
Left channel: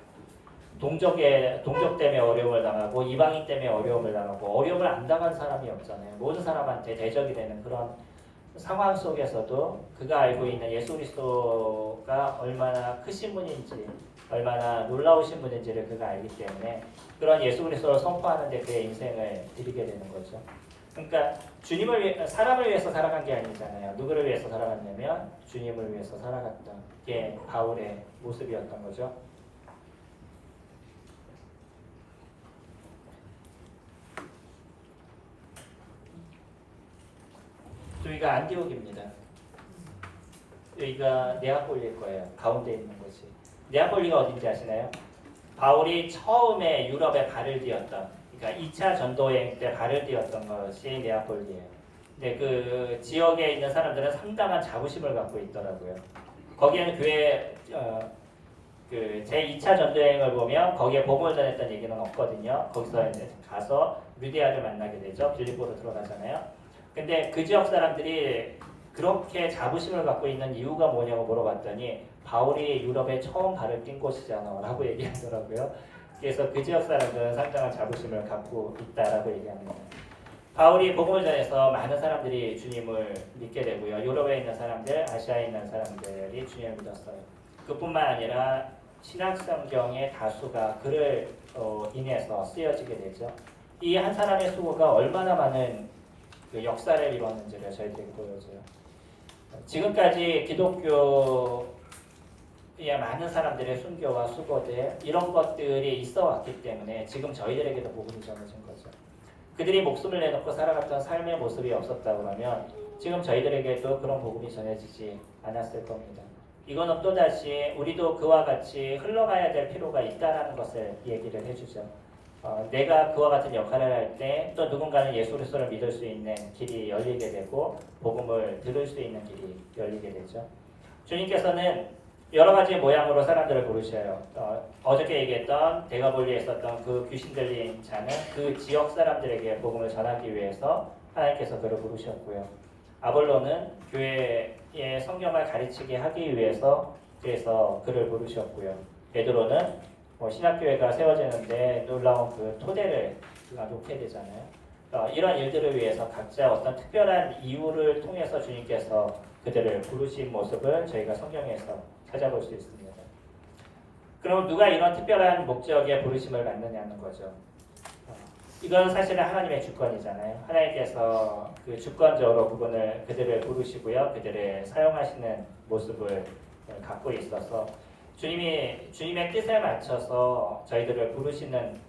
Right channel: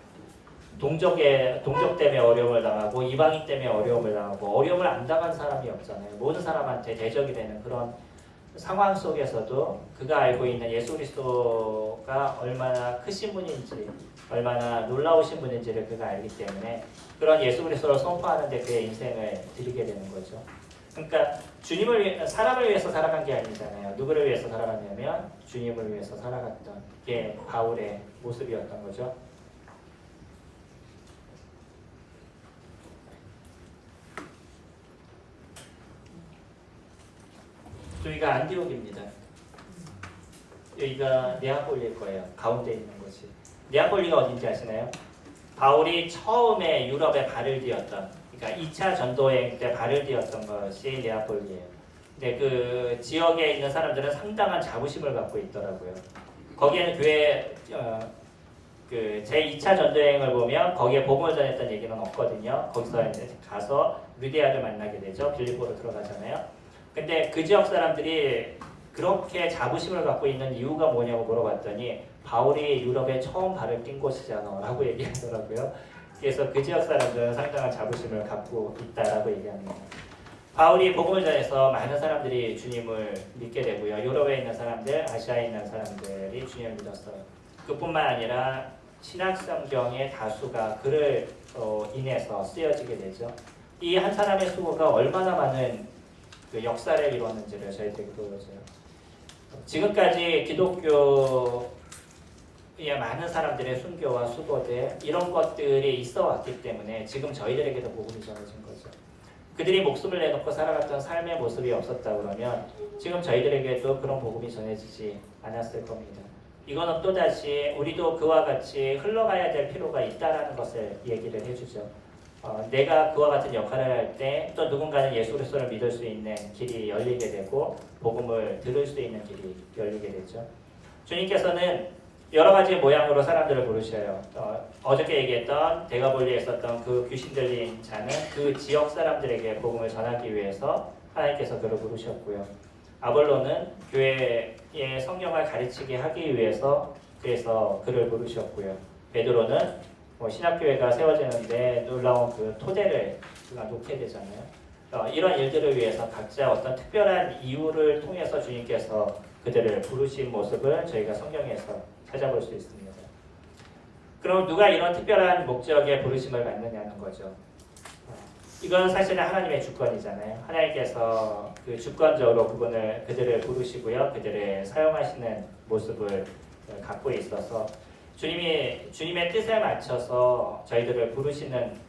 동족 때문에 어려움을 당하고 이방인 때문에 어려움을 당하고 어려움을 안 당한 사람이 없잖아요. 모든 사람한테 대적이 되는 그런 상황 속에서도 그가 알고 있는 예수 그리스도가 얼마나 크신 분인지 얼마나 놀라우신 분인지를 그가 알기 때문에 그런 예수 그리스도를 선포하는 데 그의 인생을 드리게 되는 거죠. 그러니까 사람을 위해서 살아간 게 아니잖아요. 누구를 위해서 살아갔냐면 주님을 위해서 살아갔던 게 바울의 모습이었던 거죠. 여기가 안디옥입니다. 여기가 네아폴리일 거예요. 가운데 있는 곳이. 네아폴리가 어딘지 아시나요? 바울이 처음에 유럽에 발을 디뎠던, 그러니까 2차 전도여행 때 발을 디뎠던 것이 네아폴리예요. 근데 그 지역에 있는 사람들은 상당한 자부심을 갖고 있더라고요. 거기에는 그 제2차 전도여행을 보면 거기에 복음을 전했던 얘기는 없거든요. 거기서 이제 가서 루디아를 만나게 되죠. 빌립보로 들어가잖아요. 근데 그 지역 사람들이 그렇게 자부심을 갖고 있는 이유가 뭐냐고 물어봤더니 바울이 유럽에 처음 발을 띈 곳이잖아 라고 얘기하더라고요. 그래서 그 지역 사람들은 상당한 자부심을 갖고 있다라고 얘기합니다. 바울이 복음을 전해서 많은 사람들이 주님을 믿게 되고요. 유럽에 있는 사람들, 아시아에 있는 사람들이 주님을 믿었어요. 그뿐만 아니라 신약성경의 다수가 그를 인해서 쓰여지게 되죠. 이 한 사람의 수고가 얼마나 많은 그 역사를 이루었는지를 저희들에게 보여줘요. 지금까지 기독교의 많은 사람들의 순교와 수고들 이런 것들이 있어 왔기 때문에 지금 저희들에게도 복음이 전해진 거죠. 그들이 목숨을 내놓고 살아갔던 삶의 모습이 없었다 그러면 지금 저희들에게도 그런 복음이 전해지지 않았을 겁니다. 이거는 또다시 우리도 그와 같이 흘러가야 될 필요가 있다라는 것을 얘기를 해주죠. 내가 그와 같은 역할을 할 때 또 누군가는 예수 그리스도를 믿을 수 있는 길이 열리게 되고 복음을 들을 수 있는 길이 열리게 되죠. 주님께서는 여러 가지 모양으로 사람들을 부르셔요. 어저께 얘기했던 대가볼리에 있었던 그 귀신 들린 자는 그 지역 사람들에게 복음을 전하기 위해서 하나님께서 그를 부르셨고요. 아볼로는 교회의 성경을 가르치게 하기 위해서 그래서 그를 부르셨고요. 베드로는 신학교회가 세워지는데 놀라운 그 토대를 놓게 되잖아요. 이런 일들을 위해서 각자 어떤 특별한 이유를 통해서 주님께서 그들을 부르신 모습을 저희가 성경에서 찾아볼 수 있습니다. 그럼 누가 이런 특별한 목적의 부르심을 받느냐는 거죠. 이건 사실은 하나님의 주권이잖아요. 하나님께서 그 주권적으로 그들을 부르시고요. 그들을 사용하시는 모습을 갖고 있어서 주님의 뜻에 맞춰서 저희들을 부르시는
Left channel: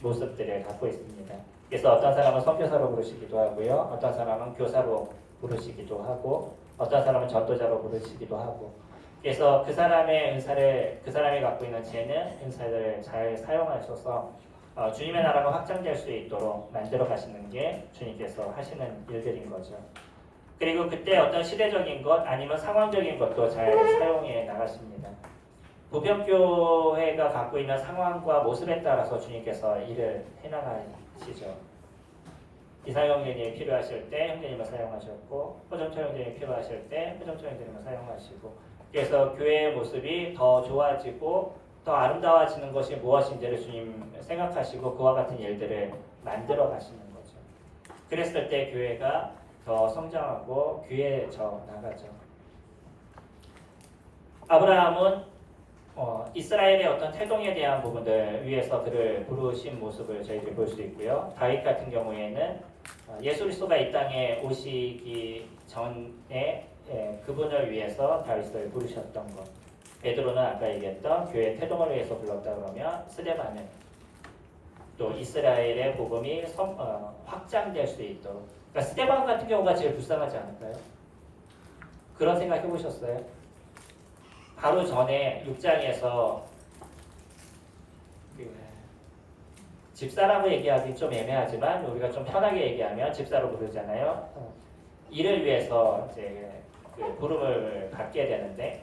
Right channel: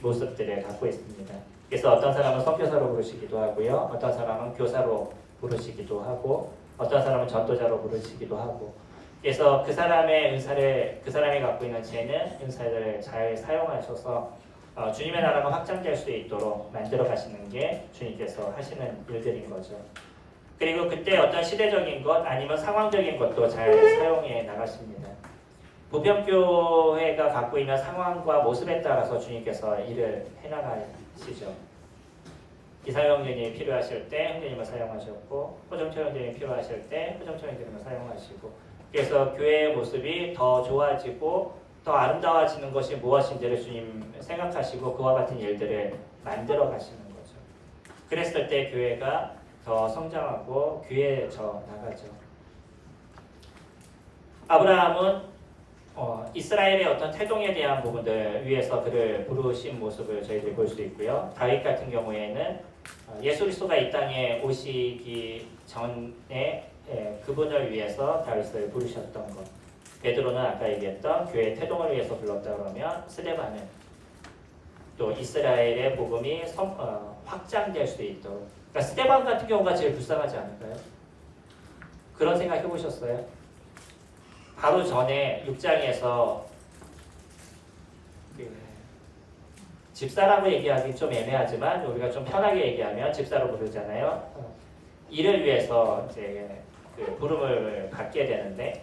모습들을 갖고 있습니다. 그래서 어떤 사람은 선교사로 부르시기도 하고요. 어떤 사람은 교사로 부르시기도 하고 어떤 사람은 전도자로 부르시기도 하고 그래서 그 사람의 은사를 그 사람이 갖고 있는 재능, 은사를 잘 사용하셔서 주님의 나라가 확장될 수 있도록 만들어 가시는 게 주님께서 하시는 일들인 거죠. 그리고 그때 어떤 시대적인 것 아니면 상황적인 것도 잘 사용해 나가십니다. 부평교회가 갖고 있는 상황과 모습에 따라서 주님께서 일을 해나가시죠. 이상형 형제님이 필요하실 때 형제님을 사용하셨고 호정철 형제님이 필요하실 때 호정철 형제님을 사용하시고 그래서 교회의 모습이 더 좋아지고 더 아름다워지는 것이 무엇인지를 주님 생각하시고 그와 같은 일들을 만들어 가시는 거죠. 그랬을 때 교회가 더 성장하고 귀해져 나가죠. 아브라함은 이스라엘의 어떤 태동에 대한 부분들 위해서 그를 부르신 모습을 저희들이 볼 수 있고요. 다윗 같은 경우에는 예수 그리스도가 이 땅에 오시기 전에 그분을 위해서 다윗을 부르셨던 것. 베드로는 아까 얘기했던 교회의 태동을 위해서 불렀다 그러면 스데반은 또 이스라엘의 복음이 확장될 수 있도록. 그러니까 스데반 같은 경우가 제일 불쌍하지 않을까요? 그런 생각 해보셨어요? 바로 전에 6장에서 집사라고 얘기하기 좀 애매하지만 우리가 좀 편하게 얘기하면 집사로 부르잖아요. 이를 위해서 이제 그 부름을 받게 되는데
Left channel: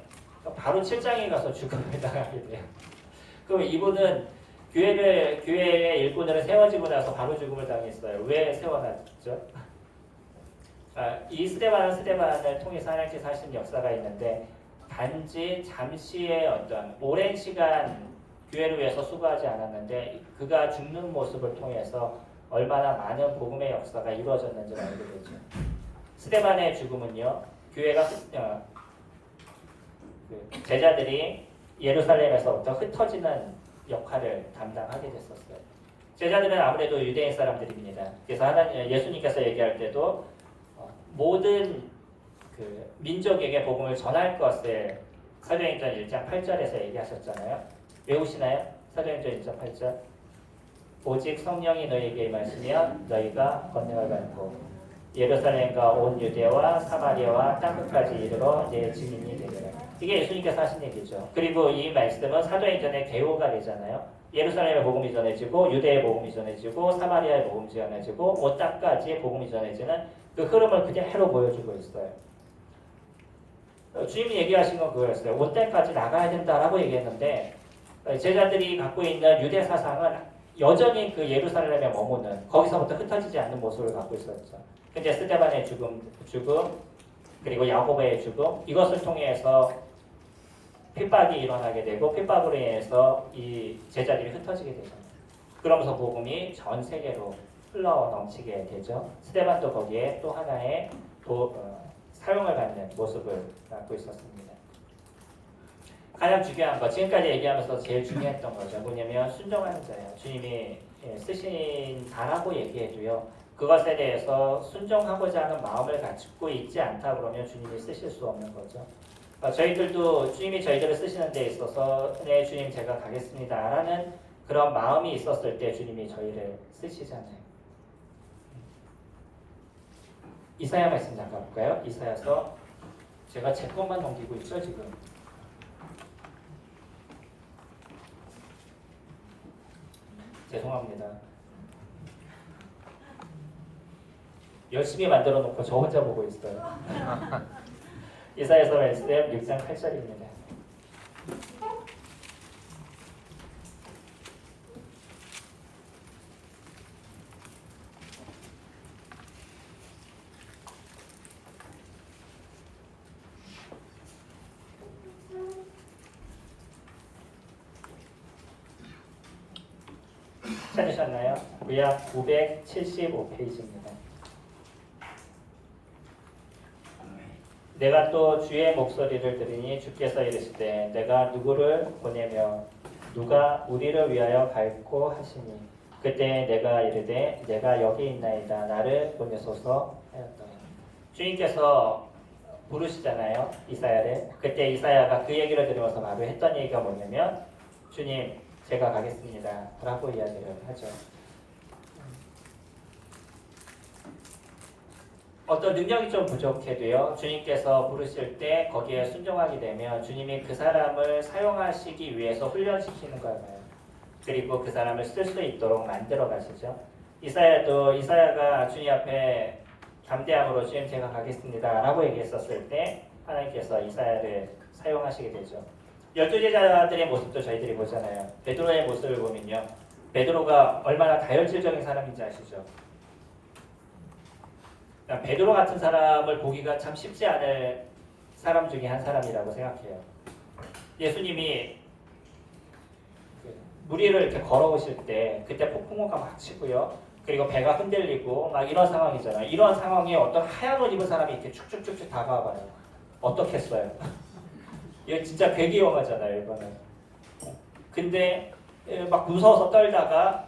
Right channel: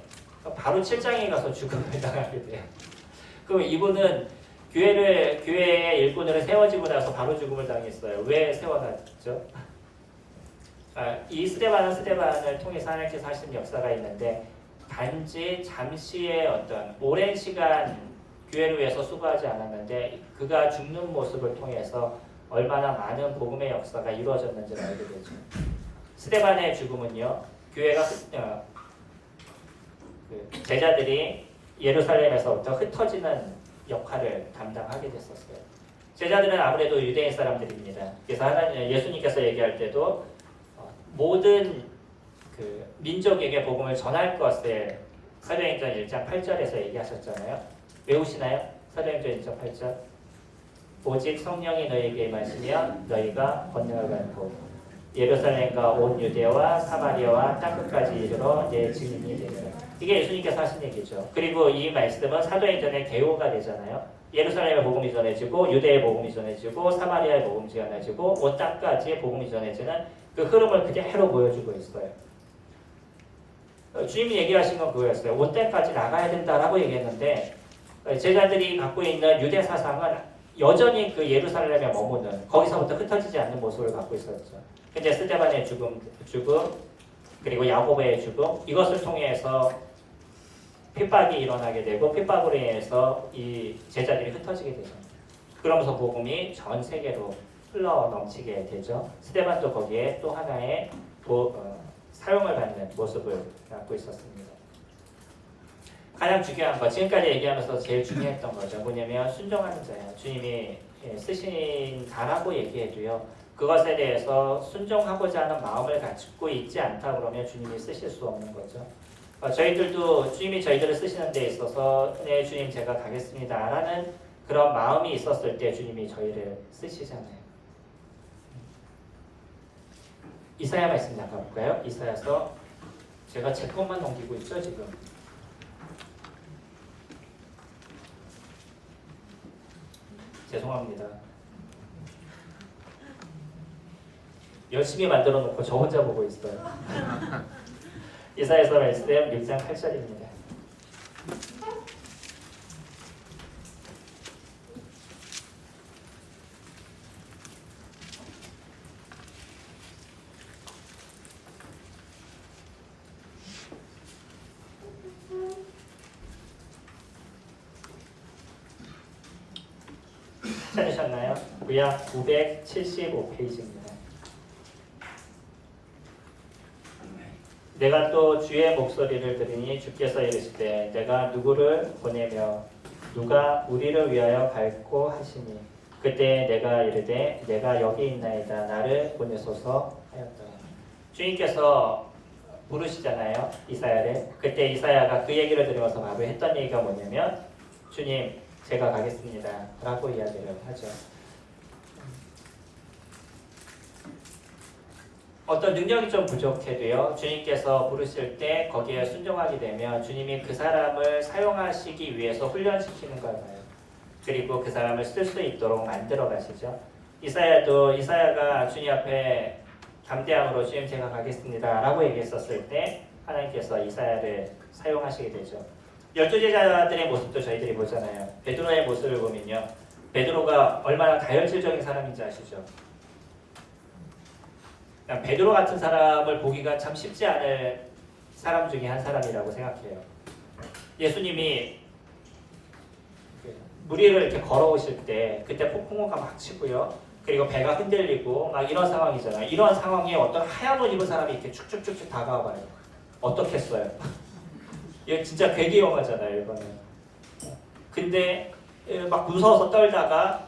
바로 7장에 가서 죽음을 당하게 돼요. 그럼 이분은 교회의 일꾼으로 세워지고 나서 바로 죽음을 당했어요. 왜 세워놨죠? 이 스데반을 통해서 하나님께서 하신 역사가 있는데 단지 잠시의 어떤 오랜 시간 교회를 위해서 수고하지 않았는데 그가 죽는 모습을 통해서 얼마나 많은 복음의 역사가 이루어졌는지를 알게 되죠. 스데반의 죽음은요. 교회가 제자들이 예루살렘에서부터 흩어지는 역할을 담당하게 됐었어요. 제자들은 아무래도 유대인 사람들입니다. 그래서 예수님께서 얘기할 때도 모든 그 민족에게 복음을 전할 것을 사도행전 1장 8절에서 얘기하셨잖아요. 외우시나요? 사도행전 1장 8절. 오직 성령이 너희에게 임하시면 너희가 권능을 받고 예루살렘과 온 유대와 사마리아와 땅끝까지 이르러 내 증인이 되리라. 이게 예수님께서 하신 얘기죠. 그리고 이 말씀은 사도행전의 개요가 되잖아요. 예루살렘의 복음이 전해지고 유대의 복음이 전해지고 사마리아의 복음이 전해지고 온 땅까지의 복음이 전해지는 그 흐름을 그대로 보여주고 있어요. 주님이 얘기하신 건 그거였어요. 온 땅까지 나가야 된다라고 얘기했는데 제자들이 갖고 있는 유대 사상은 여전히 그 예루살렘에 머무는 거기서부터 흩어지지 않는 모습을 갖고 있었죠. 근데 스데반의 죽음 그리고 야고보의 죽음 이것을 통해서 핍박이 일어나게 되고 핍박으로 인해서 이 제자들이 흩어지게 되죠. 그러면서 복음이 전 세계로 흘러 넘치게 되죠. 스데반도 거기에 또 하나의 사용을 받는 모습을 갖고 있었습니다. 가장 중요한 것, 지금까지 얘기하면서 제일 중요했던 거죠. 뭐냐면 순종하는 자예요. 주님이 쓰신다라고 얘기해도요. 그것에 대해서 순종하고자 하는 마음을 갖고 있지 않다 그러면 주님이 쓰실 수 없는 거죠. 저희들도 주님이 저희들을 쓰시는 데 있어서 네 주님 제가 가겠습니다 라는 그런 마음이 있었을 때 주님이 저희를 쓰시잖아요. 이사야 말씀 잠깐 볼까요? 이사야서 제가 제 것만 넘기고 있죠 지금. 죄송합니다. 열심히 만들어 놓고 저 혼자 보고 있어요. 이사야서 말씀 6장 8절입니다. 찾으셨나요? 구약 975페이지입니다. 내가 또 주의 목소리를 들으니 주께서 이르시되 내가 누구를 보내며 누가 우리를 위하여 갈고 하시니 그때 내가 이르되 내가 여기 있나이다 나를 보내소서 하였다. 주님께서 부르시잖아요, 이사야를. 그때 이사야가 그 얘기를 들으면서 바로 했던 얘기가 뭐냐면 주님 제가 가겠습니다 라고 이야기를 하죠. 어떤 능력이 좀 부족해도요, 주님께서 부르실 때 거기에 순종하게 되면 주님이 그 사람을 사용하시기 위해서 훈련시키는 거잖아요. 그리고 그 사람을 쓸 수 있도록 만들어 가시죠. 이사야가 주님 앞에 담대함으로 주님 제가 가겠습니다 라고 얘기했었을 때 하나님께서 이사야를 사용하시게 되죠. 12제자들의 모습도 저희들이 보잖아요. 베드로의 모습을 보면요, 베드로가 얼마나 다혈질적인 사람인지 아시죠? 베드로 같은 사람을 보기가 참 쉽지 않을 사람 중에 한 사람이라고 생각해요. 예수님이 물 위를 이렇게 걸어오실 때 그때 폭풍우가 막 치고요, 그리고 배가 흔들리고 막 이런 상황이잖아요. 이런 상황에 어떤 하얀 옷 입은 사람이 이렇게 축축축축 다가와봐요. 어떻겠어요? 이거 진짜 되게 위험하잖아요, 이거는. 근데 막 무서워서 떨다가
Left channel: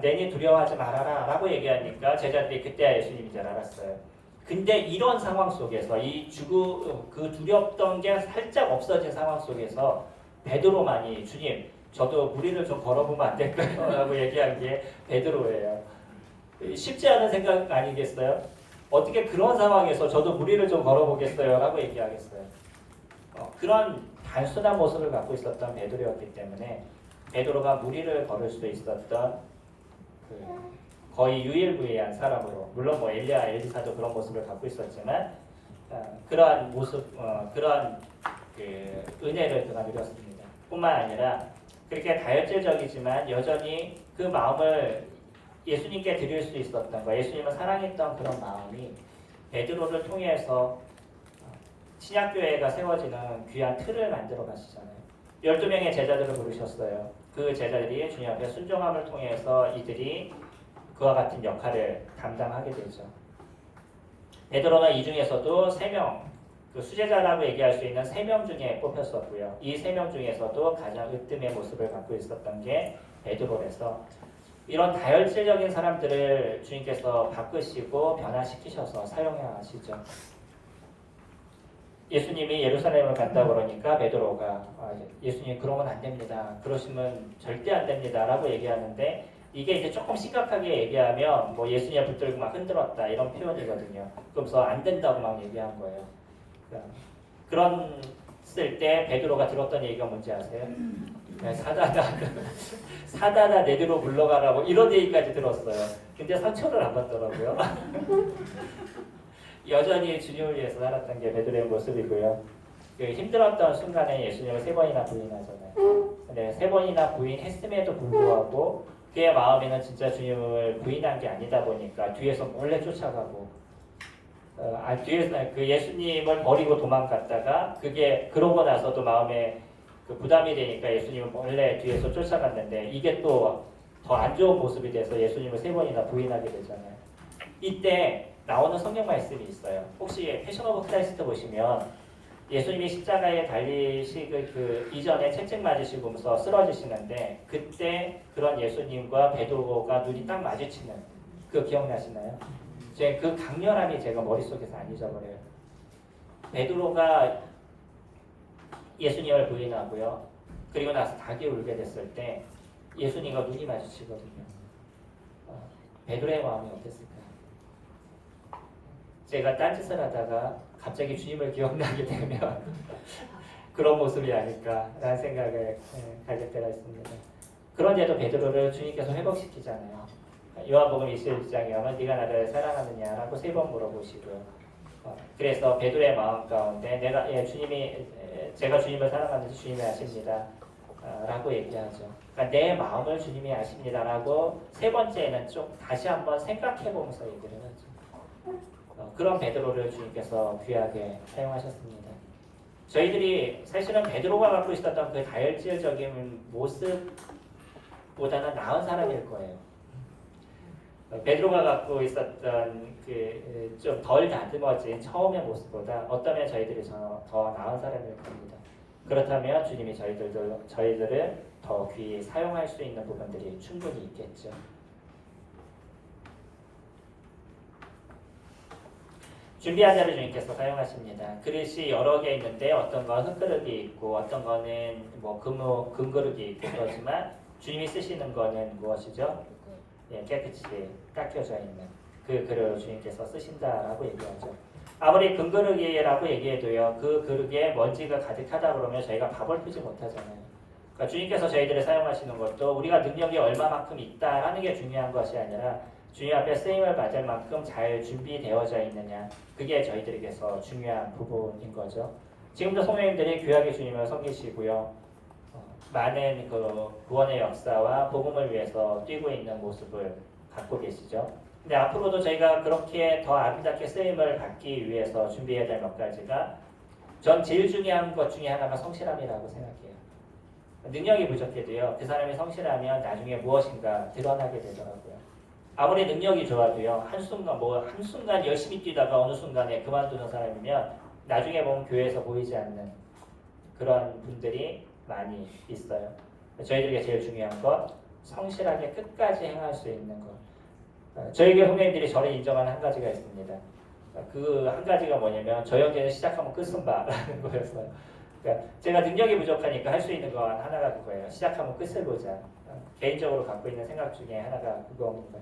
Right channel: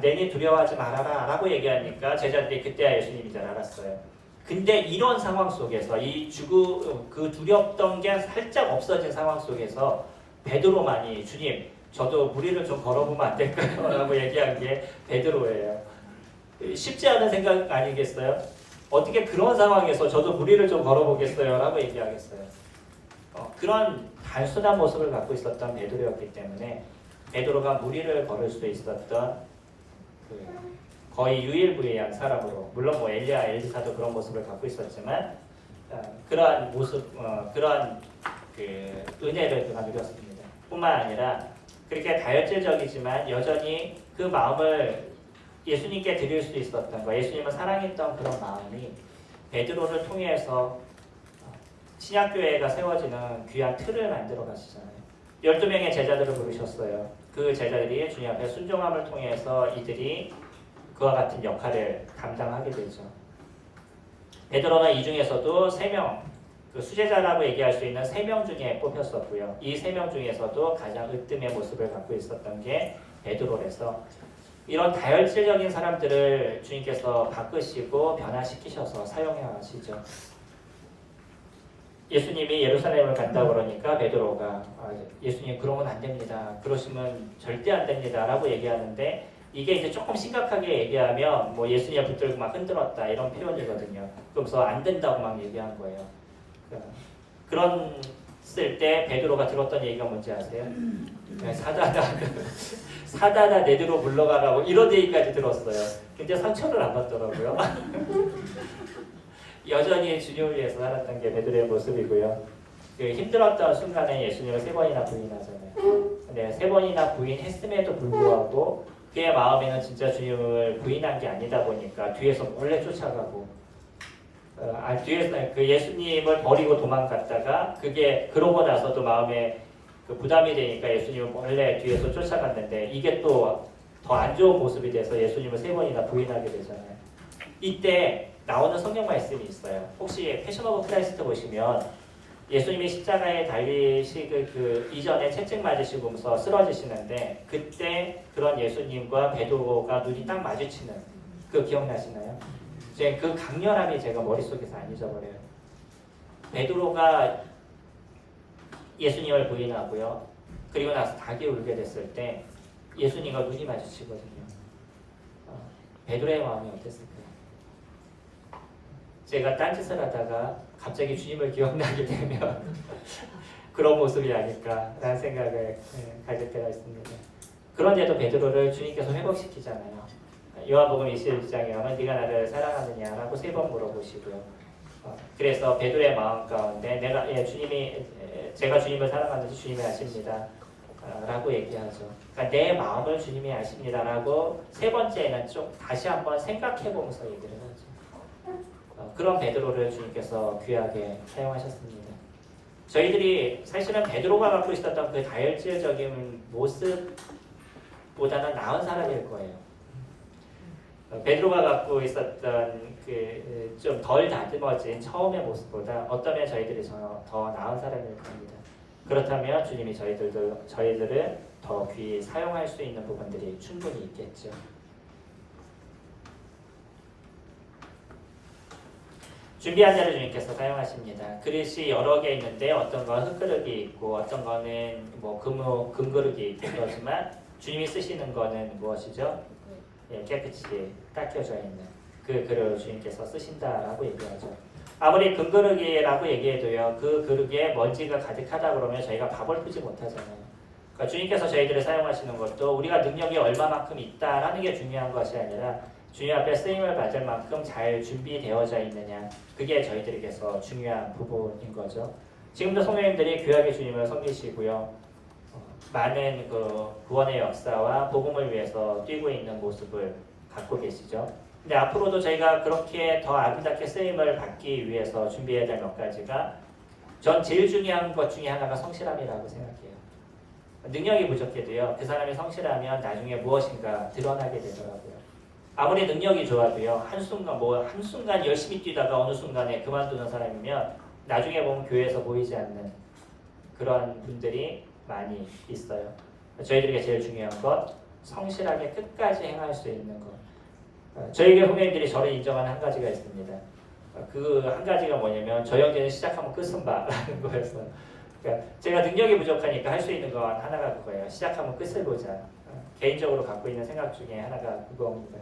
내니 두려워하지 말아라 라고 얘기하니까 제자들이 그때야 예수님인 줄 알았어요. 근데 이런 상황 속에서 그 두렵던 게 살짝 없어진 상황 속에서 베드로만이 주님 저도 물 위를 좀 걸어보면 안 될까요? 라고 얘기한 게 베드로예요. 쉽지 않은 생각 아니겠어요? 어떻게 그런 상황에서 저도 물 위를 좀 걸어보겠어요? 라고 얘기하겠어요. 그런 단순한 모습을 갖고 있었던 베드로였기 때문에 베드로가 물 위를 걸을 수 있었던 거의 유일무이한 사람으로, 물론 뭐 엘리야, 엘리사도 그런 모습을 갖고 있었지만 그러한 모습, 그런 은혜를 그가 누렸습니다. 뿐만 아니라 그렇게 다혈질적이지만 여전히 그 마음을 예수님께 드릴 수 있었던 거, 예수님을 사랑했던 그런 마음이 베드로를 통해서 신약교회가 세워지는 귀한 틀을 만들어 가시잖아요. 12명의 제자들을 부르셨어요. 그 제자들이 주님 앞에 순종함을 통해서 이들이 그와 같은 역할을 감당하게 되죠. 베드로는 이 중에서도 3명, 그 수제자라고 얘기할 수 있는 3명 중에 뽑혔었고요. 이 3명 중에서도 가장 으뜸의 모습을 갖고 있었던 게 베드로라서 이런 다혈질적인 사람들을 주님께서 바꾸시고 변화시키셔서 사용해 가시죠. 예수님이 예루살렘을 간다 그러니까 베드로가 예수님 그러면 안 됩니다. 그러시면 절대 안 됩니다. 라고 얘기하는데 이게 이제 조금 심각하게 얘기하면 뭐 예수님 붙들고 막 흔들었다 이런 표현이거든요. 그래서 안 된다고 막 얘기한 거예요. 그런 쓸 때 베드로가 들었던 얘기가 뭔지 아세요? 사다다 내대로 물러가라고 이런 얘기까지 들었어요. 근데 상처를 안 받더라고요. 여전히 주님을 위해서 살았던 게 베드로의 모습이고요. 그 힘들었던 순간에 예수님을 3번이나 부인하잖아요. 근데 3번이나 부인했음에도 불구하고 그의 마음에는 진짜 주님을 부인한 게 아니다 보니까 뒤에서 몰래 쫓아가고 뒤에서 그 예수님을 버리고 도망갔다가 그게 그러고 나서도 마음에 그 부담이 되니까 예수님을 몰래 뒤에서 쫓아갔는데 이게 또 더 안 좋은 모습이 돼서 예수님을 3번이나 부인하게 되잖아요. 이때 나오는 성경 말씀이 있어요. 혹시 패션 오브 크라이스트 보시면 예수님이 십자가에 달리시기 그 이전에 채찍 맞으시면서 쓰러지시는데 그때 그런 예수님과 베드로가 눈이 딱 마주치는 그 기억나시나요? 그 강렬함이 제가 머릿속에서 안 잊어버려요. 베드로가 예수님을 부인하고요. 그리고 나서 닭이 울게 됐을 때 예수님과 눈이 마주치거든요. 베드로의 마음이 어땠을까요? 제가 딴짓을 하다가 갑자기 주님을 기억나게 되면 그런 모습이 아닐까라는 생각을 가질 때가 있습니다. 그런데도 베드로를 주님께서 회복시키잖아요. 요한복음 21장에 가면 네가 나를 사랑하느냐라고 3번 물어보시고요. 그래서 베드로의 마음 가운데 제가 주님을 사랑하는지 주님이 아십니다. 라고 얘기하죠. 그러니까 내 마음을 주님이 아십니다라고 3번째는 좀 다시 한번 생각해보면서 얘기를 하죠. 그런 베드로를 주님께서 귀하게 사용하셨습니다. 저희들이 사실은 베드로가 갖고 있었던 그 다혈질적인 모습보다는 나은 사람일 거예요. 베드로가 갖고 있었던 그 좀 덜 다듬어진 처음의 모습보다 어쩌면 저희들이 더 나은 사람일 겁니다. 그렇다면 주님이 저희들을 더 귀히 사용할 수 있는 부분들이 충분히 있겠죠. 준비한 자를 주님께서 사용하십니다. 그릇이 여러 개 있는데 어떤 건 흙그릇이 있고 어떤 거는 뭐 금그릇이 있고 그렇지만 주님이 쓰시는 거는 무엇이죠? 깨끗이 닦여져 있는 그 그릇을 주님께서 쓰신다라고 얘기하죠. 아무리 금그릇이라고 얘기해도요, 그 그릇에 먼지가 가득하다 그러면 저희가 밥을 풀지 못하잖아요. 그러니까 주님께서 저희들을 사용하시는 것도 우리가 능력이 얼마만큼 있다라는 게 중요한 것이 아니라 주님 앞에 쓰임을 받을 만큼 잘 준비되어져 있느냐, 그게 저희들에게서 중요한 부분인 거죠. 지금도 성도님들이 귀하게 주님을 섬기시고요, 많은 그 구원의 역사와 복음을 위해서 뛰고 있는 모습을 갖고 계시죠. 근데 앞으로도 저희가 그렇게 더 아름답게 쓰임을 받기 위해서 준비해야 될 몇 가지가, 전 제일 중요한 것 중에 하나가 성실함이라고 생각해요. 능력이 부족해도요, 그 사람이 성실하면 나중에 무엇인가 드러나게 되더라고요. 아무리 능력이 좋아도요, 한순간 열심히 뛰다가 어느 순간에 그만두는 사람이면 나중에 보면 교회에서 보이지 않는 그런 분들이 많이 있어요. 저희들에게 제일 중요한 것, 성실하게 끝까지 행할 수 있는 것. 저희 교회 후배님들이 저를 인정하는 한 가지가 있습니다. 그 한 가지가 뭐냐면 저 형제는 시작하면 끝은 봐라는 거였어요. 그러니까 제가 능력이 부족하니까 할 수 있는 건 하나가 그거예요. 시작하면 끝을 보자. 개인적으로 갖고 있는 생각 중에 하나가 그거입니다.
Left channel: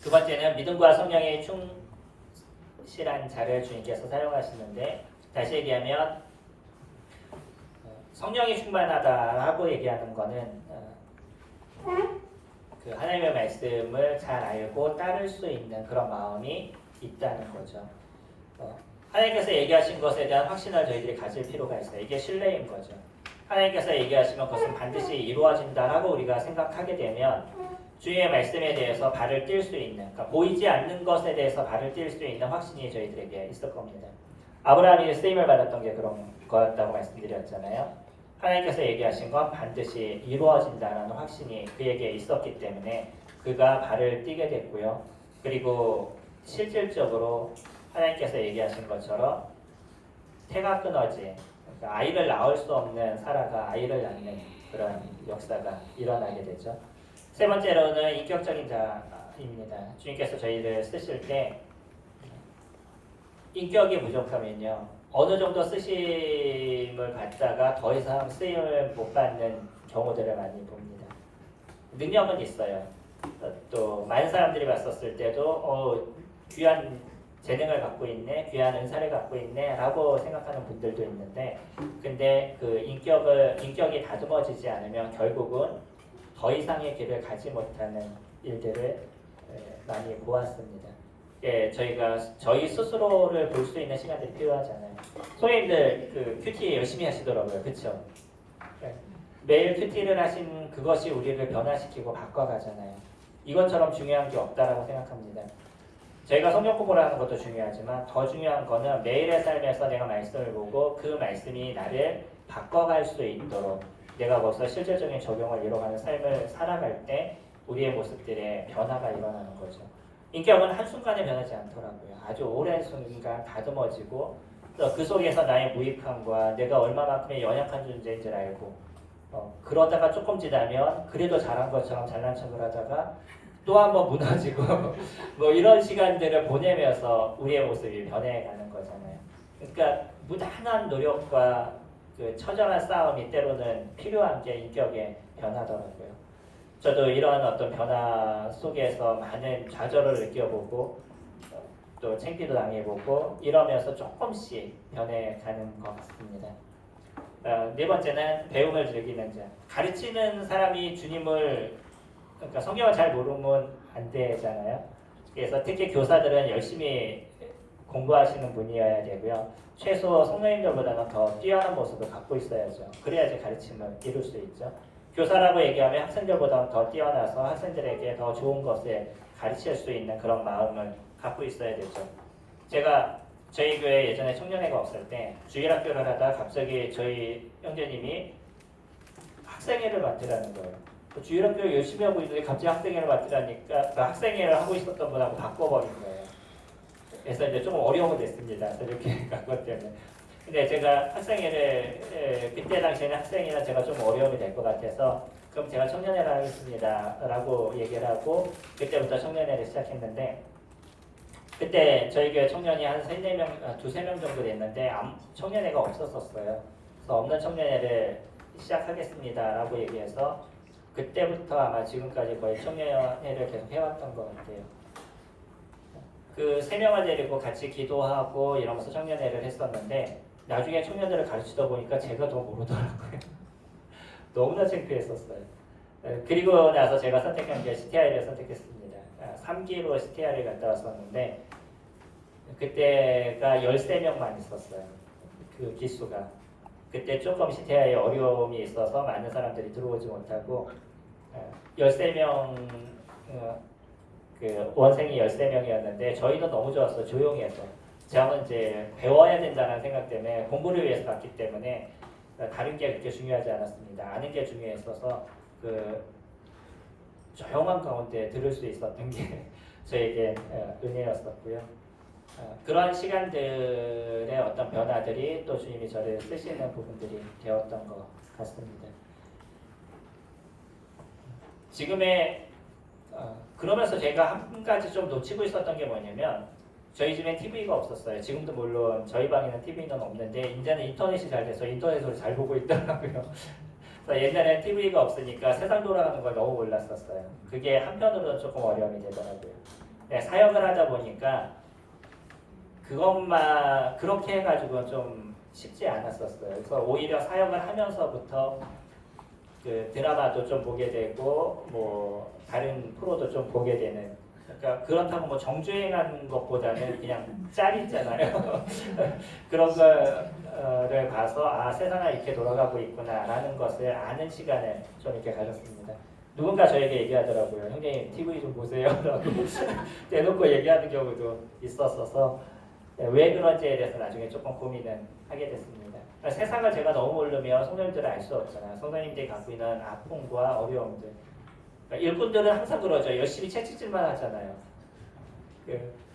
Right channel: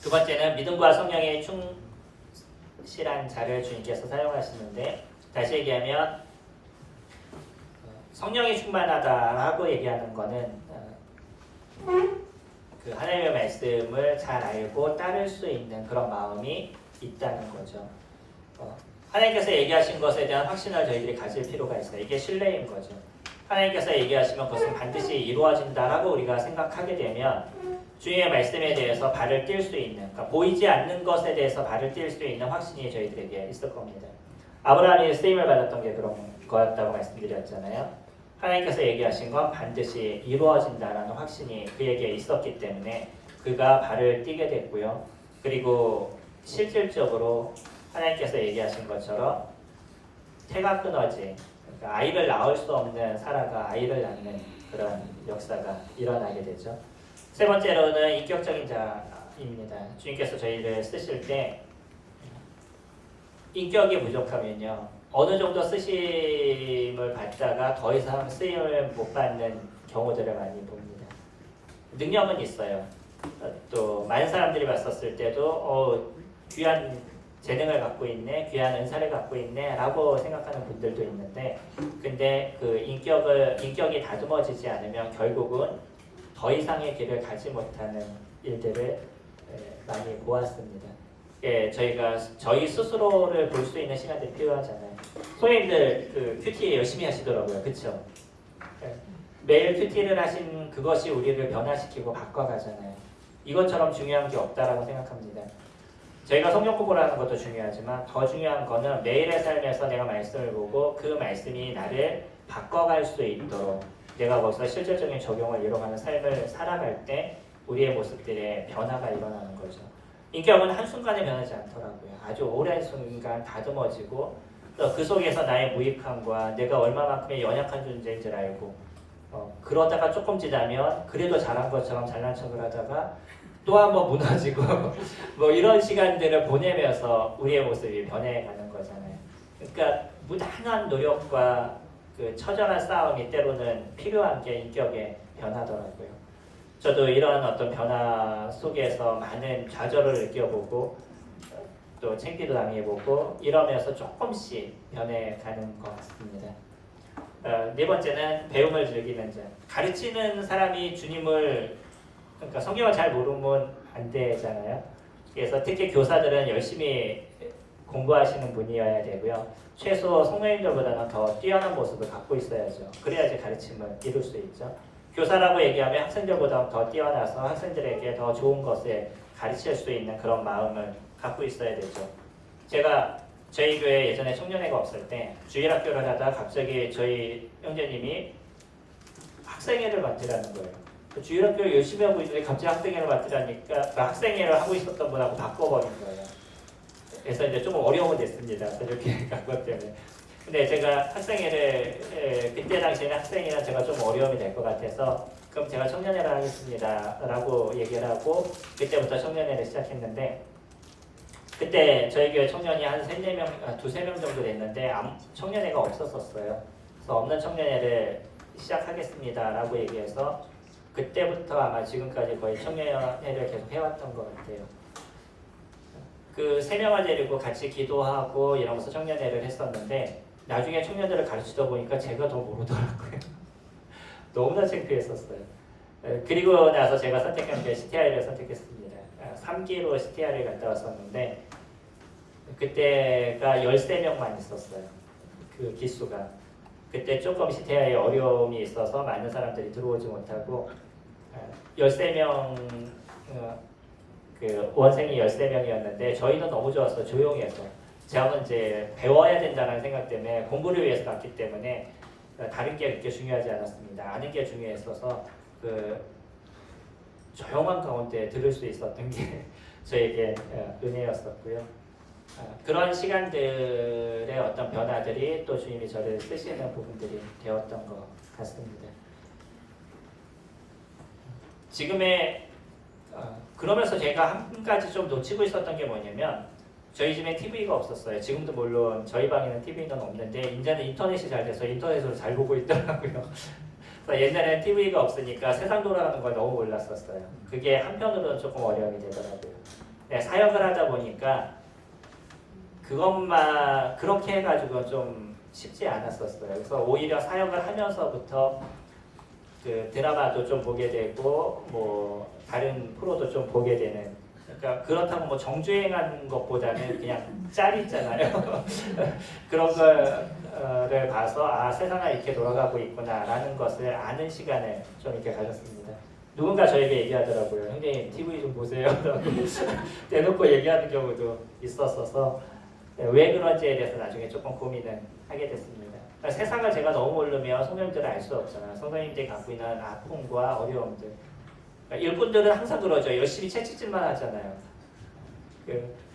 두 번째는 믿음과 성령의 충실한 자를 주님께서 사용하시는데, 다시 얘기하면 성령이 충만하다라고 얘기하는 거는 그 하나님의 말씀을 잘 알고 따를 수 있는 그런 마음이 있다는 거죠. 하나님께서 얘기하신 것에 대한 확신을 저희들이 가질 필요가 있어요. 이게 신뢰인 거죠. 하나님께서 얘기하시면 그것은 반드시 이루어진다라고 우리가 생각하게 되면 주님의 말씀에 대해서 발을 띨 수 있는, 그러니까 보이지 않는 것에 대해서 발을 띨 수 있는 확신이 저희들에게 있을 겁니다. 아브라함이 쓰임을 받았던 게 그런 거였다고 말씀드렸잖아요. 하나님께서 얘기하신 건 반드시 이루어진다는 확신이 그에게 있었기 때문에 그가 발을 띄게 됐고요. 그리고 실질적으로 하나님께서 얘기하신 것처럼 태가 끊어진, 그러니까 아이를 낳을 수 없는 사라가 아이를 낳는 그런 역사가 일어나게 되죠. 세 번째로는 인격적인 자입니다. 주님께서 저희를 쓰실 때 인격이 부족하면요, 어느 정도 쓰심을 받다가 더 이상 쓰임을 못 받는 경우들을 많이 봅니다. 능력은 있어요. 또 많은 사람들이 봤었을 때도 귀한 재능을 갖고 있네, 귀한 은사를 갖고 있네 라고 생각하는 분들도 있는데, 근데 그 인격이 다듬어지지 않으면 결국은 더 이상의 길을 가지 못하는 일들을 많이 보았습니다. 저희가 저희 스스로를 볼 수 있는 시간들이 필요하잖아요. 소위님들 그 큐티 열심히 하시더라고요. 그렇죠? 매일 큐티를 하신 그것이 우리를 변화시키고 바꿔가잖아요. 이것처럼 중요한 게 없다라고 생각합니다. 저희가 성경 공부를 하는 것도 중요하지만 더 중요한 거는 매일의 삶에서 내가 말씀을 보고 그 말씀이 나를 바꿔갈 수 있도록 내가 거기서 실질적인 적용을 이뤄가는 삶을 살아갈 때 우리의 모습들의 변화가 일어나는 거죠. 인격은 한순간에 변하지 않더라고요. 아주 오랜 순간 다듬어지고 또 그 속에서 나의 무익함과 내가 얼마만큼의 연약한 존재인 줄 알고 그러다가 조금 지나면 그래도 잘한 것처럼 잘난 척을 하다가 또 한번 무너지고 뭐 이런 시간들을 보내면서 우리의 모습이 변해가는 거잖아요. 그러니까 무단한 노력과 그 처절한 싸움이 때로는 필요한 게 인격의 변화더라고요. 저도 이런 어떤 변화 속에서 많은 좌절을 느껴보고 또 창피도 당해보고 이러면서 조금씩 변해가는 것 같습니다. 네 번째는 배움을 즐기는 자. 가르치는 사람이 주님을 그러니까 성경을 잘 모르면 안 되잖아요. 그래서 특히 교사들은 열심히 공부하시는 분이어야 되고요. 최소 성도님들보다는 더 뛰어난 모습을 갖고 있어야죠. 그래야지 가르침을 이룰 수 있죠. 교사라고 얘기하면 학생들보다 더 뛰어나서 학생들에게 더 좋은 것을 가르칠 수 있는 그런 마음을 갖고 있어야 되죠. 제가 저희 교회 예전에 청년회가 없을 때 주일학교를 하다가 갑자기 저희 형제님이 학생회를 맡으라는 거예요. 주일학교 열심히 하고 있는데 갑자기 학생회를 맡으라니까 그 학생회를 하고 있었던 분하고 바꿔버린 거예요. 그래서 이제 조금 어려움이 됐습니다. 이렇게 간 것 때문에. 근데 제가 학생회를 그때 당시에는 학생회는 제가 좀 어려움이 될 것 같아서 그럼 제가 청년회를 하겠습니다 라고 얘기를 하고 그때부터 청년회를 시작했는데 그때 저희 교회 청년이 한 두세 명 정도 됐는데 청년회가 없었었어요. 그래서 없는 청년회를 시작하겠습니다 라고 얘기해서 그때부터 아마 지금까지 거의 청년회를 계속 해왔던 것 같아요. 그 3명을 데리고 같이 기도하고 이러면서 청년회를 했었는데 나중에 청년들을 가르치다 보니까 제가 더 모르더라고요. 너무나 창피했었어요. 그리고 나서 제가 선택한 게 CTI를 선택했습니다. 3기로 CTI를 갔다 왔었는데 그때가 13명만 있었어요. 그 기수가. 그때 조금 CTI에 어려움이 있어서 많은 사람들이 들어오지 못하고 13명 그 원생이 13명이었는데 저희는 너무 좋았어요. 조용해서. 저는 이제 배워야 된다는 생각 때문에 공부를 위해서 갔기 때문에 다른 게 그렇게 중요하지 않았습니다. 아는 게 중요했어서 그 조용한 가운데 들을 수 있었던 게 저에게 은혜였었고요. 그런 시간들의 어떤 변화들이 또 주님이 저를 쓰시는 부분들이 되었던 것 같습니다. 지금의 그러면서 제가 한 가지 좀 놓치고 있었던 게 뭐냐면 저희 집에 TV가 없었어요. 지금도 물론 저희 방에는 TV는 없는데 이제는 인터넷이 잘 돼서 인터넷으로 잘 보고 있더라고요. 그래서 옛날에 TV가 없으니까 세상 돌아가는 걸 너무 몰랐었어요. 그게 한편으로는 조금 어려움이 되더라고요. 네, 사역을 하다 보니까 그것만 그렇게 해가지고 좀 쉽지 않았었어요. 그래서 오히려 사역을 하면서부터 그 드라마도 좀 보게 되고 뭐 다른 프로도 좀 보게 되는. 그러니까 그렇다고 뭐 정주행하는 것보다는 그냥 짤 있잖아요. 그런 거를 봐서 세상이 이렇게 돌아가고 있구나라는 것을 아는 시간을 좀 이렇게 가졌습니다. 누군가 저에게 얘기하더라고요. 형님 TV 좀 보세요. 라고 대놓고 얘기하는 경우도 있었어서 왜 그런지에 대해서 나중에 조금 고민을 하게 됐습니다. 그러니까 세상을 제가 너무 모르면 성도님들은 알 수 없잖아요. 성도님들이 갖고 있는 아픔과 어려움들. 그러니까 일꾼들은 항상 그러죠. 열심히 채찍질만 하잖아요.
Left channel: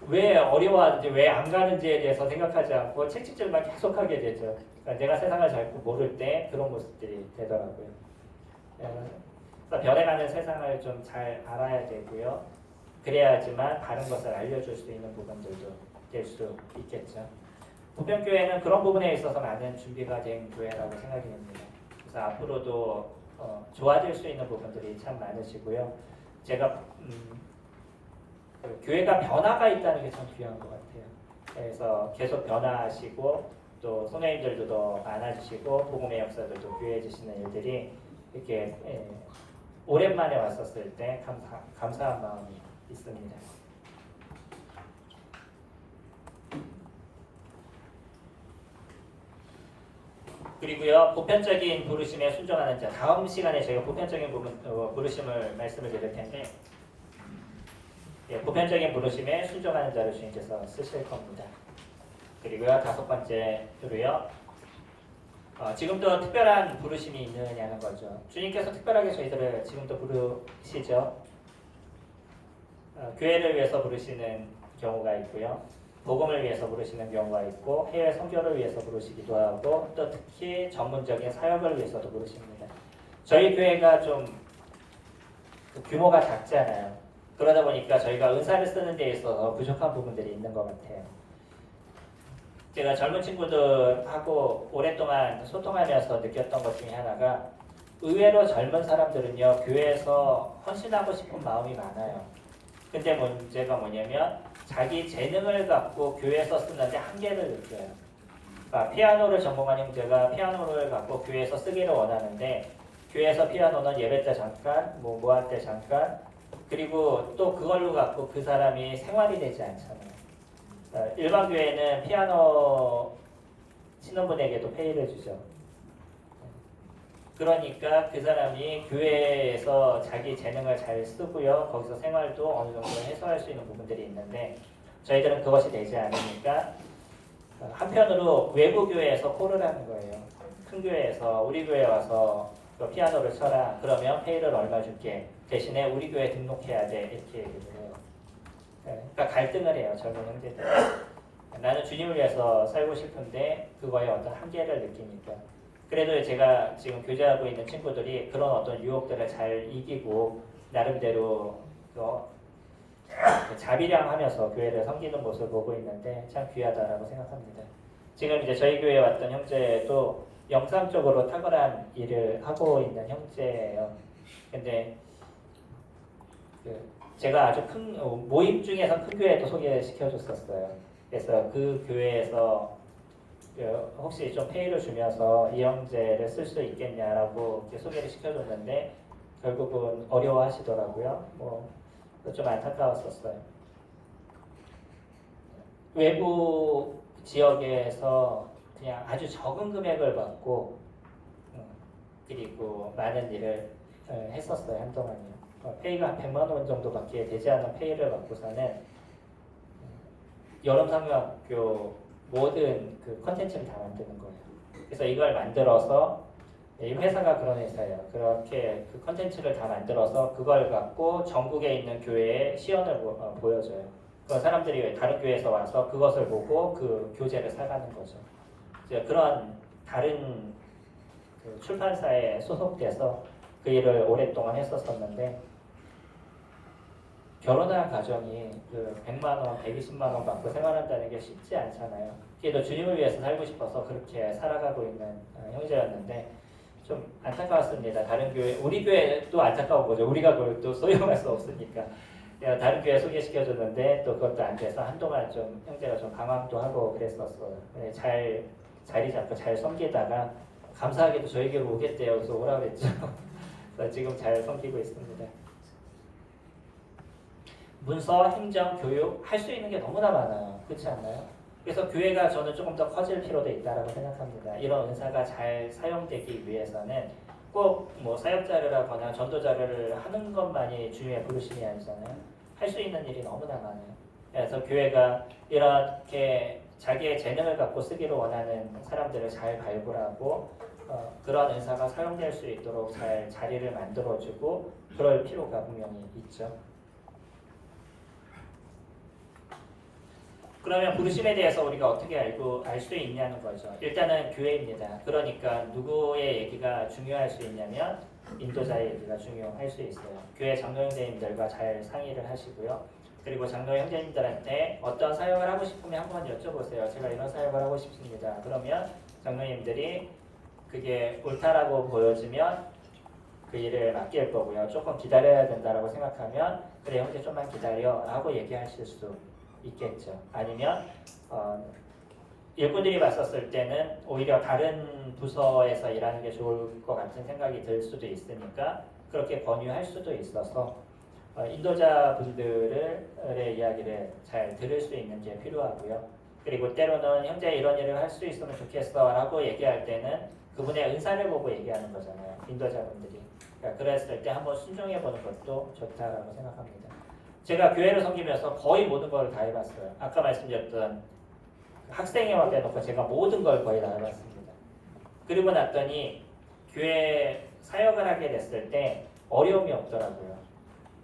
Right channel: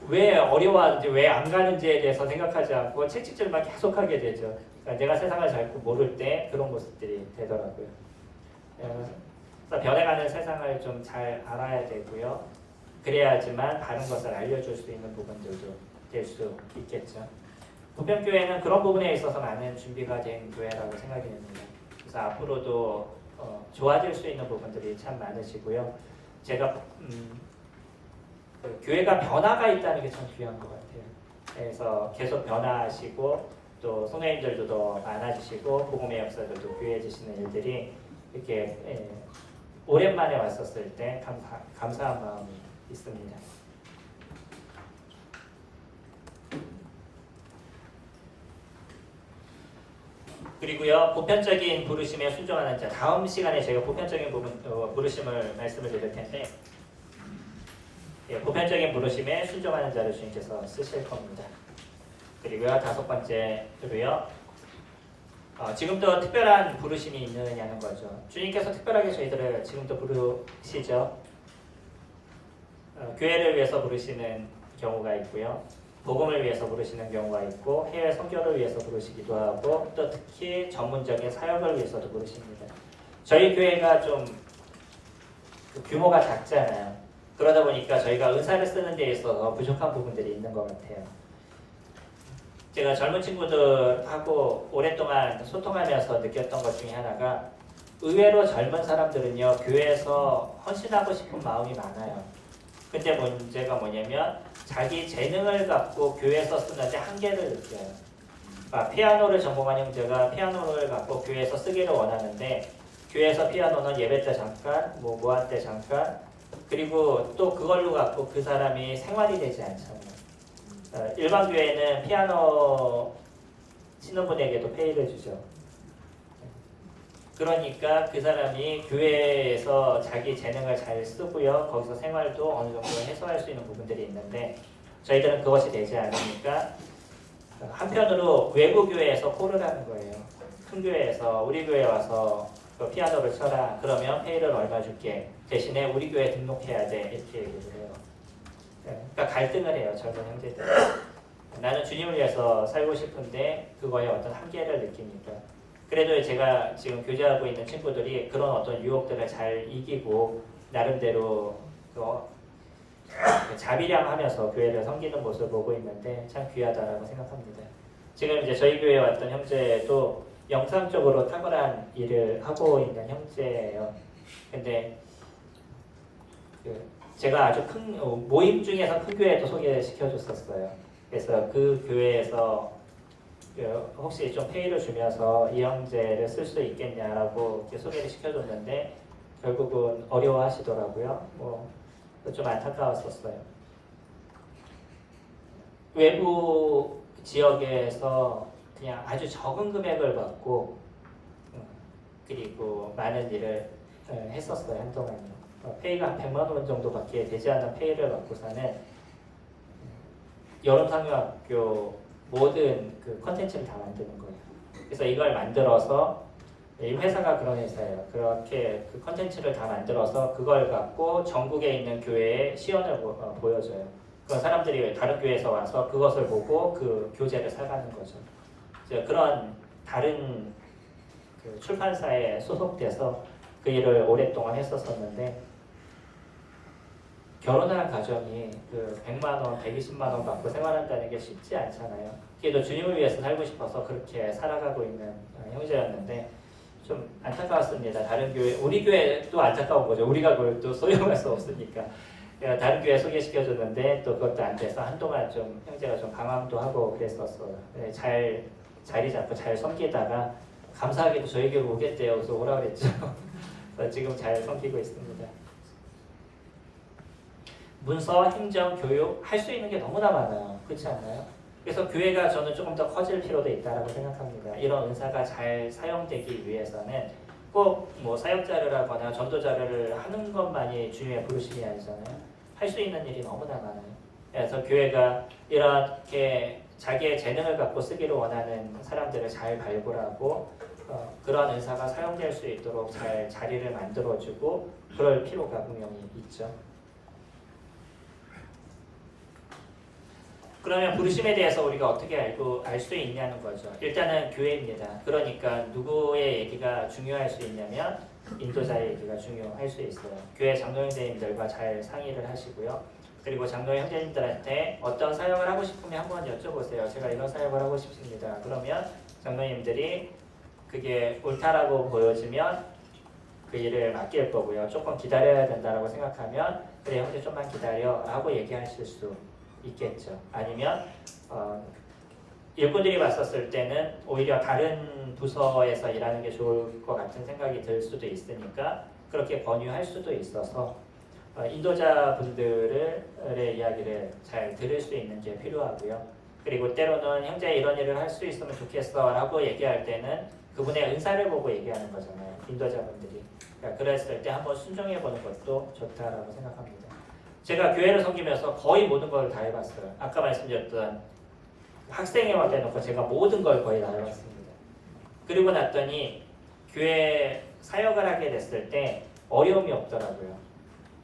왜 어려워하는지 왜 안 가는지에 대해서 생각하지 않고 채찍질만 계속하게 되죠. 그러니까 내가 세상을 잘 모를 때 그런 모습들이 되더라고요. 그래서 변해가는 세상을 좀 잘 알아야 되고요. 그래야지만 다른 것을 알려줄 수 있는 부분들도 될 수 있겠죠. 부평교회는 그런 부분에 있어서 많은 준비가 된 교회라고 생각이 됩니다. 그래서 앞으로도 좋아질 수 있는 부분들이 참 많으시고요. 제가 그 교회가 변화가 있다는 게 참 귀한 것 같아요. 그래서 계속 변화하시고 또 선생님들도 더 많아지시고 복음의 역사들도 귀해지시는 일들이 이렇게 오랜만에 왔었을 때 감사한 마음이 있습니다. 그리고요 보편적인 부르심에 순종하는 자. 다음 시간에 저희가 보편적인 부르심을 말씀을 드릴 텐데 보편적인 부르심에 순종하는 자를 주님께서 쓰실 겁니다. 그리고요 5번째로요 지금도 특별한 부르심이 있느냐는 거죠. 주님께서 특별하게 저희들을 지금도 부르시죠. 교회를 위해서 부르시는 경우가 있고요. 복음을 위해서 부르시는 경우가 있고 해외 선교를 위해서 부르시기도 하고 또 특히 전문적인 사역을 위해서도 부르십니다. 저희 교회가 좀 규모가 작잖아요. 그러다 보니까 저희가 은사를 쓰는 데 있어서 부족한 부분들이 있는 것 같아요. 제가 젊은 친구들하고 오랫동안 소통하면서 느꼈던 것 중에 하나가 의외로 젊은 사람들은요 교회에서 헌신하고 싶은 마음이 많아요. 근데 문제가 뭐냐면 자기 재능을 갖고 교회에서 쓰는데 한계를 느껴요. 피아노를 전공한 형제가 피아노를 갖고 교회에서 쓰기를 원하는데 교회에서 피아노는 예배 때 잠깐, 모할 때 잠깐, 그리고 또 그걸로 갖고 그 사람이 생활이 되지 않잖아요. 일반 교회는 피아노 치는 분에게도 페이를 주죠. 그러니까 그 사람이 교회에서 자기 재능을 잘 쓰고요. 거기서 생활도 어느 정도 해소할 수 있는 부분들이 있는데 저희들은 그것이 되지 않으니까 한편으로 외부 교회에서 콜을 하는 거예요. 큰 교회에서 우리 교회 와서 피아노를 쳐라. 그러면 페이를 얼마 줄게. 대신에 우리 교회 등록해야 돼. 이렇게 얘기를 해요. 그러니까 갈등을 해요. 젊은 형제들. 나는 주님을 위해서 살고 싶은데 그거에 어떤 한계를 느끼니까. 그래도 제가 지금 교제하고 있는 친구들이 그런 어떤 유혹들을 잘 이기고 나름대로 자비량하면서 교회를 섬기는 모습을 보고 있는데 참 귀하다라고 생각합니다. 지금 이제 저희 교회에 왔던 형제도 영상적으로 탁월한 일을 하고 있는 형제예요. 근데 제가 아주 큰 모임 중에서 큰 교회도 소개시켜줬었어요. 그래서 그 교회에서 혹시 좀 페이를 주면서 이 형제를 쓸 수 있겠냐라고 소개를 시켜줬는데 결국은 어려워하시더라고요. 좀 안타까웠었어요. 외부 지역에서 그냥 아주 적은 금액을 받고 그리고 많은 일을 했었어요. 한동안요. 페이가 한 100만 원 정도밖에 되지 않은 페이를 받고서는 여름상용학교 모든 그 컨텐츠를 다 만드는 거예요. 그래서 이걸 만들어서 이 회사가 그런 회사예요. 그렇게 그 컨텐츠를 다 만들어서 그걸 갖고 전국에 있는 교회에 시연을 보여줘요. 그 사람들이 다른 교회에서 와서 그것을 보고 그 교재를 사가는 거죠. 그런 다른 그 출판사에 소속돼서 그 일을 오랫동안 했었었는데 결혼한 가정이 그 100만 원, 120만 원 받고 생활한다는 게 쉽지 않잖아요. 그래도 주님을 위해서 살고 싶어서 그렇게 살아가고 있는 형제였는데 좀 안타까웠습니다. 다른 교회, 우리 교회도 안타까운 거죠. 우리가 그걸 또 소용할 수 없으니까. 다른 교회 소개시켜줬는데 또 그것도 안 돼서 한동안 좀 형제가 좀 방황도 하고 그랬었어요. 잘 자리 잡고 잘 섬기다가 감사하게도 저에게로 오겠대요. 그래서 오라 그랬죠. 그래서 지금 잘 섬기고 있습니다. 문서, 행정, 교육 할 수 있는 게 너무나 많아요. 그렇지 않나요? 그래서 교회가 저는 조금 더 커질 필요도 있다고 생각합니다. 이런 은사가 잘 사용되기 위해서는 꼭 뭐 사역자를 하거나 전도자를 하는 것만이 주님의 부르심이 아니잖아요. 할 수 있는 일이 너무나 많아요. 그래서 교회가 이렇게 자기의 재능을 갖고 쓰기를 원하는 사람들을 잘 발굴하고 그런 은사가 사용될 수 있도록 잘 자리를 만들어주고 그럴 필요가 분명히 있죠. 그러면 부르심에 대해서 우리가 어떻게 알 수 있냐는 거죠. 일단은 교회입니다. 그러니까 누구의 얘기가 중요할 수 있냐면 인도자의 얘기가 중요할 수 있어요. 교회 장로 형제님들과 잘 상의를 하시고요. 그리고 장로 형제님들한테 어떤 사역을 하고 싶으면 한번 여쭤보세요. 제가 이런 사역을 하고 싶습니다. 그러면 장로님들이 그게 옳다라고 보여지면 그 일을 맡길 거고요. 조금 기다려야 된다라고 생각하면 그래 형제 좀만 기다려 라고 얘기하실 수 있겠죠. 아니면 일꾼들이 봤었을 때는 오히려 다른 부서에서 일하는 게 좋을 것 같은 생각이 들 수도 있으니까 그렇게 권유할 수도 있어서 인도자분들의 이야기를 잘 들을 수 있는 게 필요하고요. 그리고 때로는 형제 이런 일을 할 수 있으면 좋겠어 라고 얘기할 때는 그분의 은사를 보고 얘기하는 거잖아요. 인도자분들이. 그러니까 그랬을 때 한번 순종해보는 것도 좋다라고 생각합니다. 제가 교회를 섬기면서 거의 모든 걸 다 해봤어요. 아까 말씀드렸던 학생회와 빼놓고 제가 모든 걸 거의 다 해봤습니다. 그리고 났더니 교회 사역을 하게 됐을 때 어려움이 없더라고요.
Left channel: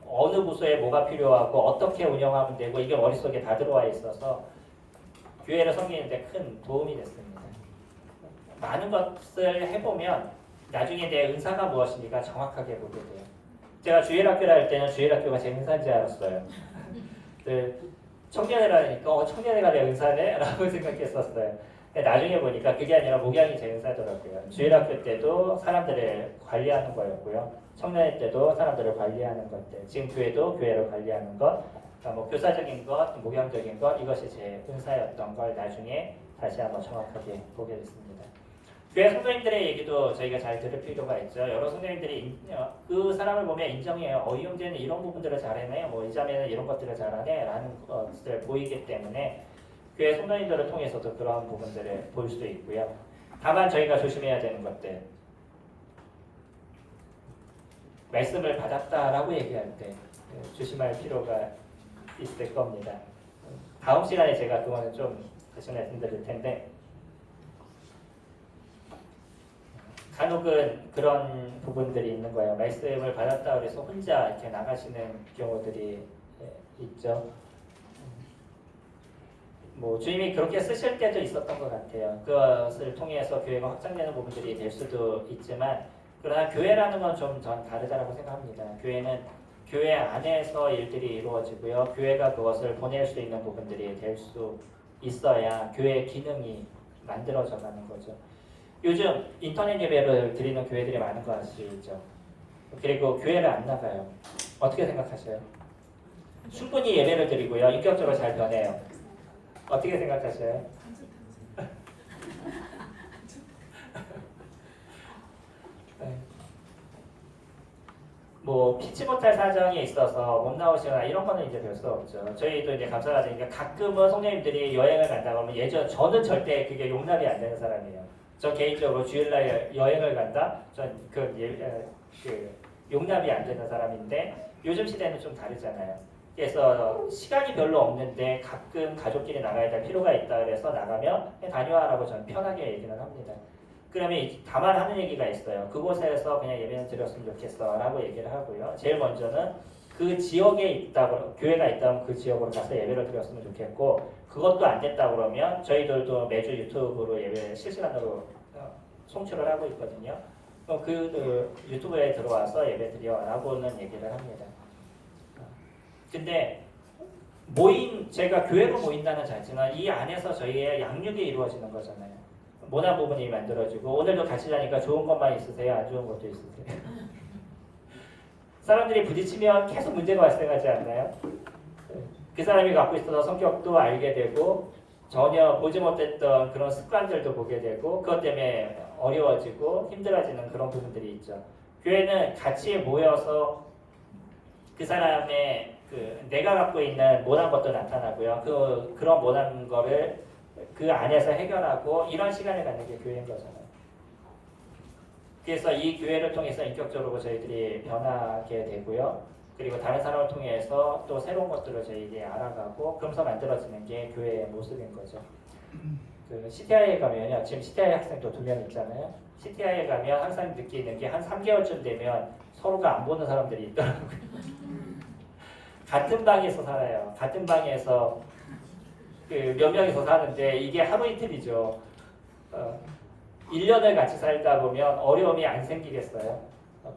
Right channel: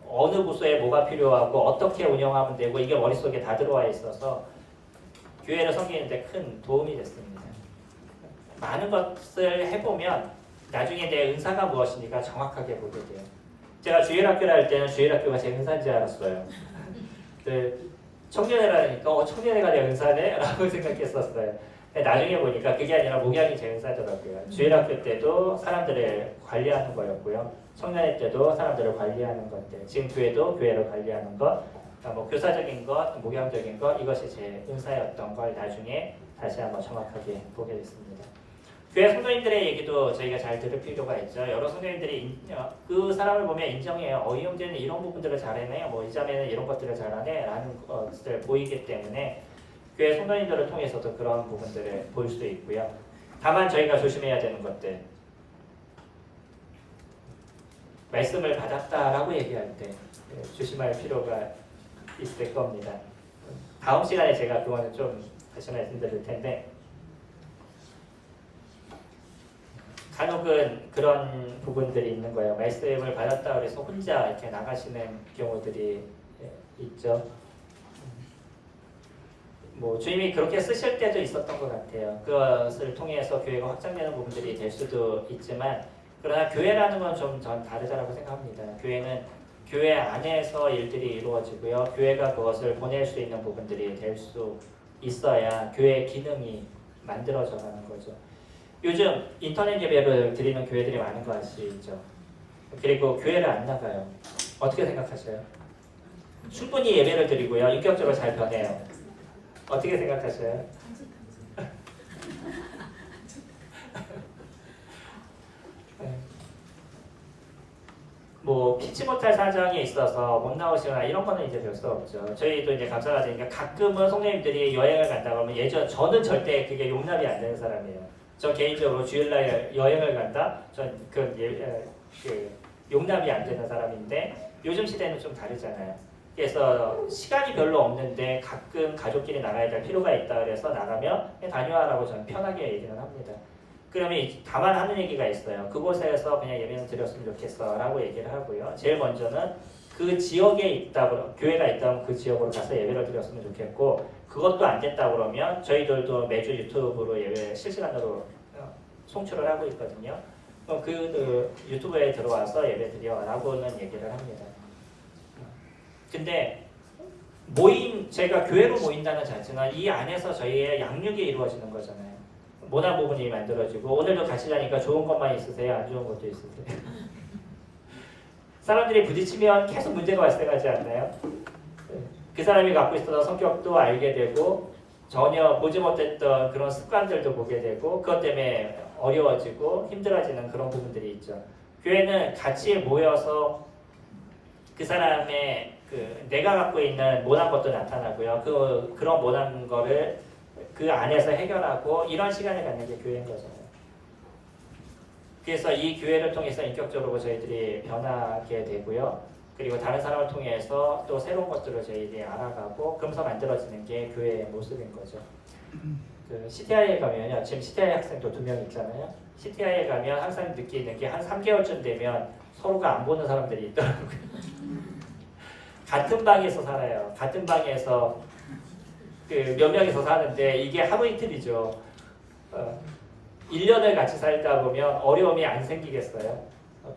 어느 부서에 뭐가 필요하고 어떻게 운영하면 되고 이게 머릿속에 다 들어와 있어서 교회를 섬기는데 큰 도움이 됐습니다. 많은 것을 해보면 나중에 내 은사가 무엇인지가 정확하게 보게 돼요. 제가 주일학교를 할 때는 주일학교가 제 은사인 줄 알았어요. 청년회라니까 청년회가 내 은사네? 라고 생각했었어요. 근데 나중에 보니까 그게 아니라 목양이 재은사더라고요. 주일학교 때도 사람들을 관리하는 거였고요. 청년회 때도 사람들을 관리하는 것들. 지금 교회도 교회를 관리하는 것. 그러니까 뭐 교사적인 것, 목양적인 것 이것이 제 은사였던 걸 나중에 다시 한번 정확하게 보게 됐습니다. 교회 성도님들의 얘기도 저희가 잘 들을 필요가 있죠. 여러 성도님들이 그 사람을 보면 인정해요. 이 형제는 이런 부분들을 잘하네, 뭐 이 자매는 이런 것들을 잘하네 라는 것을 보이기 때문에 교회 성도님들을 통해서도 그런 부분들을 볼 수 있고요. 다만 저희가 조심해야 되는 것들, 말씀을 받았다라고 얘기할 때 조심할 필요가 있을 겁니다. 다음 시간에 제가 그거는 좀 다시 말씀드릴 텐데, 간혹은 그런 부분들이 있는 거예요. 말씀을 받았다 그래서 혼자 이렇게 나가시는 경우들이 있죠. 뭐 주님이 그렇게 쓰실 때도 있었던 것 같아요. 그것을 통해서 교회가 확장되는 부분들이 될 수도 있지만, 그러나 교회라는 건 좀 전 다르다고 생각합니다. 교회는 교회 안에서 일들이 이루어지고요. 교회가 그것을 보낼 수 있는 부분들이 될 수 있어야 교회의 기능이 만들어져 가는 거죠. 요즘 인터넷 예배를 드리는 교회들이 많은 거 아시죠? 그리고 교회를 안 나가요. 어떻게 생각하세요? 충분히 예배를 드리고요. 인격적으로 잘 변해요. 어떻게 생각하세요? 뭐 피치 못할 사정이 있어서 못 나오시거나 이런 거는 이제 별 수 없죠. 저희도 이제 감사하니까 가끔은 성도님들이 여행을 간다고 하면 저는 절대 그게 용납이 안 되는 사람이에요. 저 개인적으로 주일날 여행을 간다? 그 용납이 안 되는 사람인데 요즘 시대는 좀 다르잖아요. 그래서 시간이 별로 없는데 가끔 가족끼리 나가야 될 필요가 있다 그래서 나가면 다녀와라고 저는 편하게 얘기는 합니다. 그러면 다만 하는 얘기가 있어요. 그곳에서 그냥 예배는 드렸으면 좋겠어 라고 얘기를 하고요. 제일 먼저는 그 지역에 있다고, 교회가 있다면 그 지역으로 가서 예배를 드렸으면 좋겠고, 그것도 안 됐다 그러면 저희들도 매주 유튜브로 예배 실시간으로 송출을 하고 있거든요. 그 유튜브에 들어와서 예배 드려 라고는 얘기를 합니다. 근데 제가 교회로 모인다는 자체는 이 안에서 저희의 양육이 이루어지는 거잖아요. 모난 부분이 만들어지고, 오늘도 같이 자니까 좋은 것만 있으세요? 안 좋은 것도 있으세요? 사람들이 부딪히면 계속 문제가 발생하지 않나요? 그 사람이 갖고 있었던 성격도 알게 되고 전혀 보지 못했던 그런 습관들도 보게 되고 그것 때문에 어려워지고 힘들어지는 그런 부분들이 있죠. 교회는 같이 모여서 그 사람의 내가 갖고 있는 못난 것도 나타나고요. 그런 못난 거를 그 안에서 해결하고 이런 시간을 갖는 게 교회인 거잖아요. 그래서 이 교회를 통해서 인격적으로 저희들이 변하게 되고요. 그리고 다른 사람을 통해서 또 새로운 것들을 저희들이 알아가고 그러면서 만들어지는 게 교회의 모습인 거죠. CTI에 가면요. 지금 CTI 학생도 2명 있잖아요. CTI에 가면 항상 느끼는 게 한 3개월쯤 되면 서로가 안 보는 사람들이 있더라고요. 같은 방에서 살아요. 같은 방에서 몇 명이서 사는데 이게 하루 이틀이죠. 1년을 같이 살다 보면 어려움이 안 생기겠어요?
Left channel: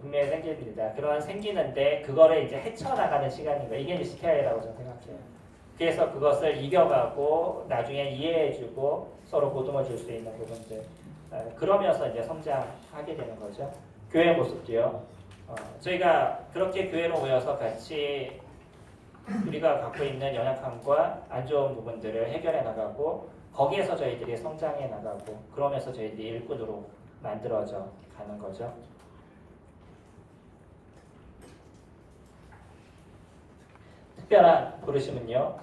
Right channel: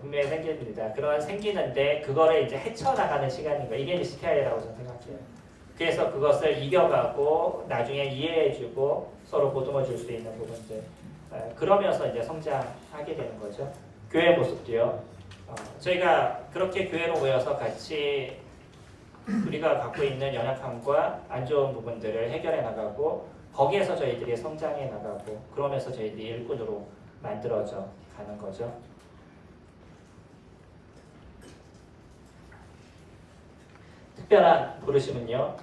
분명히 생깁니다. 그러한 생기는데 그거를 이제 헤쳐나가는 시간인 거예요. 이게 이제 CTI라고 저는 생각해요. 그래서 그것을 이겨가고 나중에 이해해주고 서로 보듬어 줄 수 있는 부분들. 그러면서 이제 성장하게 되는 거죠. 교회 모습도요. 저희가 그렇게 교회로 모여서 같이 우리가 갖고 있는 연약함과 안 좋은 부분들을 해결해 나가고 거기에서 저희들이 성장해 나가고 그러면서 저희들이 일꾼으로 만들어져 가는 거죠. 특별한 부르심은요.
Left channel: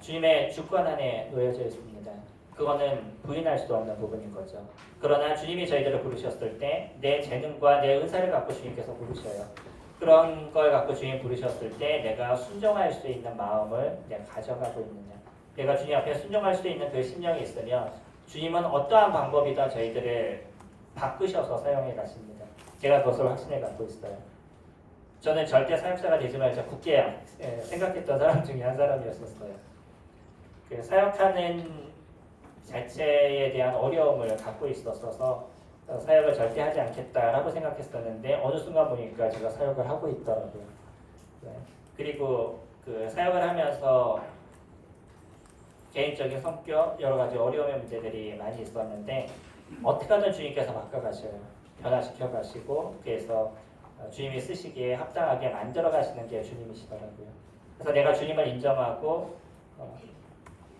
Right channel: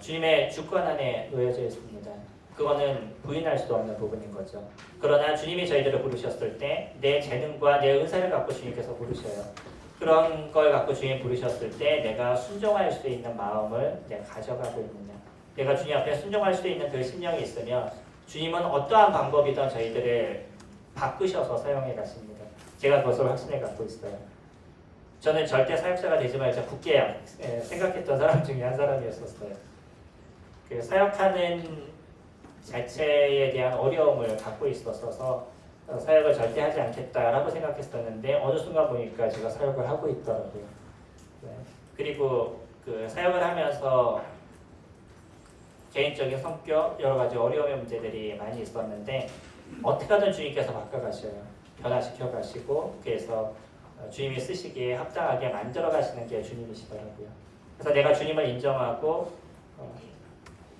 주님의 주권 안에 놓여져 있습니다. 그거는 부인할 수도 없는 부분인 거죠. 그러나 주님이 저희들을 부르셨을 때 내 재능과 내 은사를 갖고 주님께서 부르셔요. 그런 걸 갖고 주님 부르셨을 때 내가 순종할 수 있는 마음을 내가 가져가고 있느냐. 내가 주님 앞에 순종할 수 있는 그 심령이 있으면 주님은 어떠한 방법이든 저희들을 바꾸셔서 사용해 가십니다. 제가 그것을 확신을 갖고 있어요. 저는 절대 사역자가 되지 말자 굳게 생각했던 사람 중에 한 사람이었었어요. 사역하는 자체에 대한 어려움을 갖고 있었어서 사역을 절대 하지 않겠다라고 생각했었는데 어느 순간 보니까 제가 사역을 하고 있더라고요. 그리고 그 사역을 하면서 개인적인 성격, 여러 가지 어려움의 문제들이 많이 있었는데 어떻게 하든 주님께서 바꿔가셔요. 변화시켜 가시고 그래서 주님이 쓰시기에 합당하게 만들어 가시는 게 주님이시더라고요. 그래서 내가 주님을 인정하고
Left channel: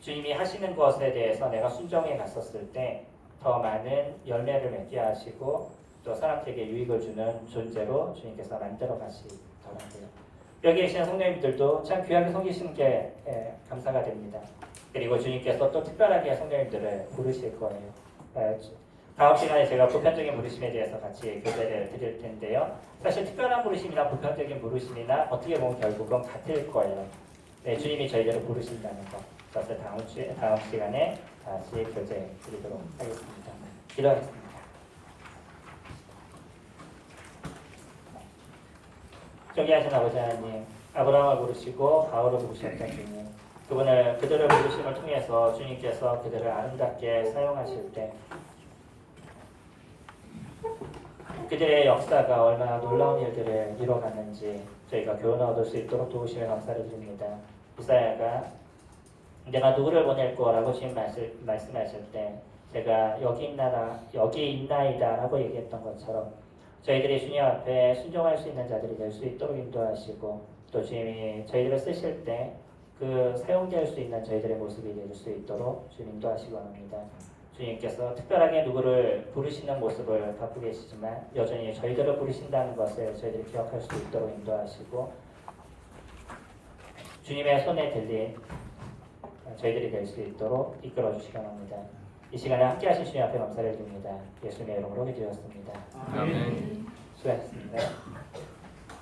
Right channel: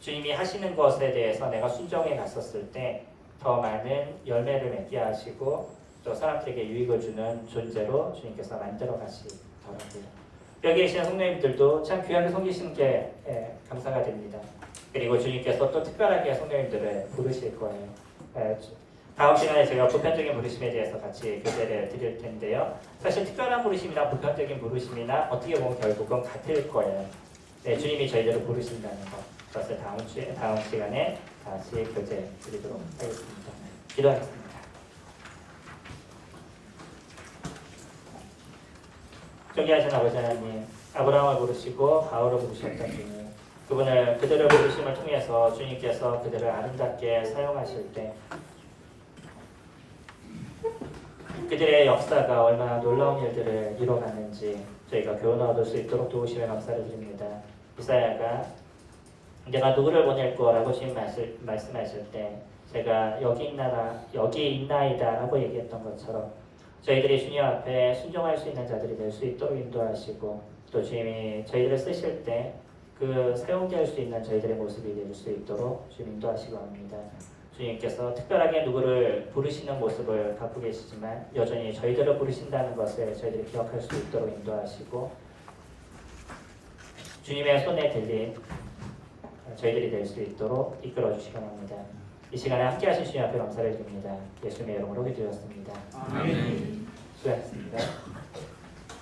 주님이 하시는 것에 대해서 내가 순종해 갔었을 때 더 많은 열매를 맺게 하시고 또 사람들에게 유익을 주는 존재로 주님께서 만들어 가시더라고요. 여기 계시는 성도님들도 참 귀하게 섬기시는 게 감사가 됩니다. 그리고 주님께서 또 특별하게 성도님들을 부르실 거예요. 다음 시간에 제가 보편적인 부르심에 대해서 같이 교제를 드릴 텐데요. 사실 특별한 부르심이나 보편적인 부르심이나 어떻게 보면 결국은 같을 거예요. 네, 주님이 저희들을 부르신다는 것. 그것을 다음 시간에 다시 교제 드리도록 하겠습니다. 기도하겠습니다. 존귀하신 아버지 하나님, 아브라함을 부르시고 바울을 부르셨던 주님, 그들을 부르심을 통해서 주님께서 그들을 아름답게 사용하실 때 그들의 역사가 얼마나 놀라운 일들을 이뤄갔는지 저희가 교훈을 얻을 수 있도록 도우시며 감사를 드립니다. 이사야가 내가 누구를 보낼 거라고 주님 말씀하실 때 제가 여기 있나이다 라고 얘기했던 것처럼 저희들이 주님 앞에 순종할 수 있는 자들이 될 수 있도록 인도하시고 또 주님이 저희들을 쓰실 때 그 사용될 수 있는 저희들의 모습이 될 수 있도록 주님 인도하시기 바랍니다. 주님께서 특별하게 누구를 부르시는 모습을 갖고 계시지만 여전히 저희들을 부르신다는 것을 저희들이 기억할 수 있도록 인도하시고 주님의 손에 들린 저희들이 될 수 있도록 이끌어 주시기 바랍니다. 이 시간에 함께 하신 주님 앞에 감사를 드립니다. 예수님의 이름으로 기도했습니다. 아멘. 수고하셨습니다.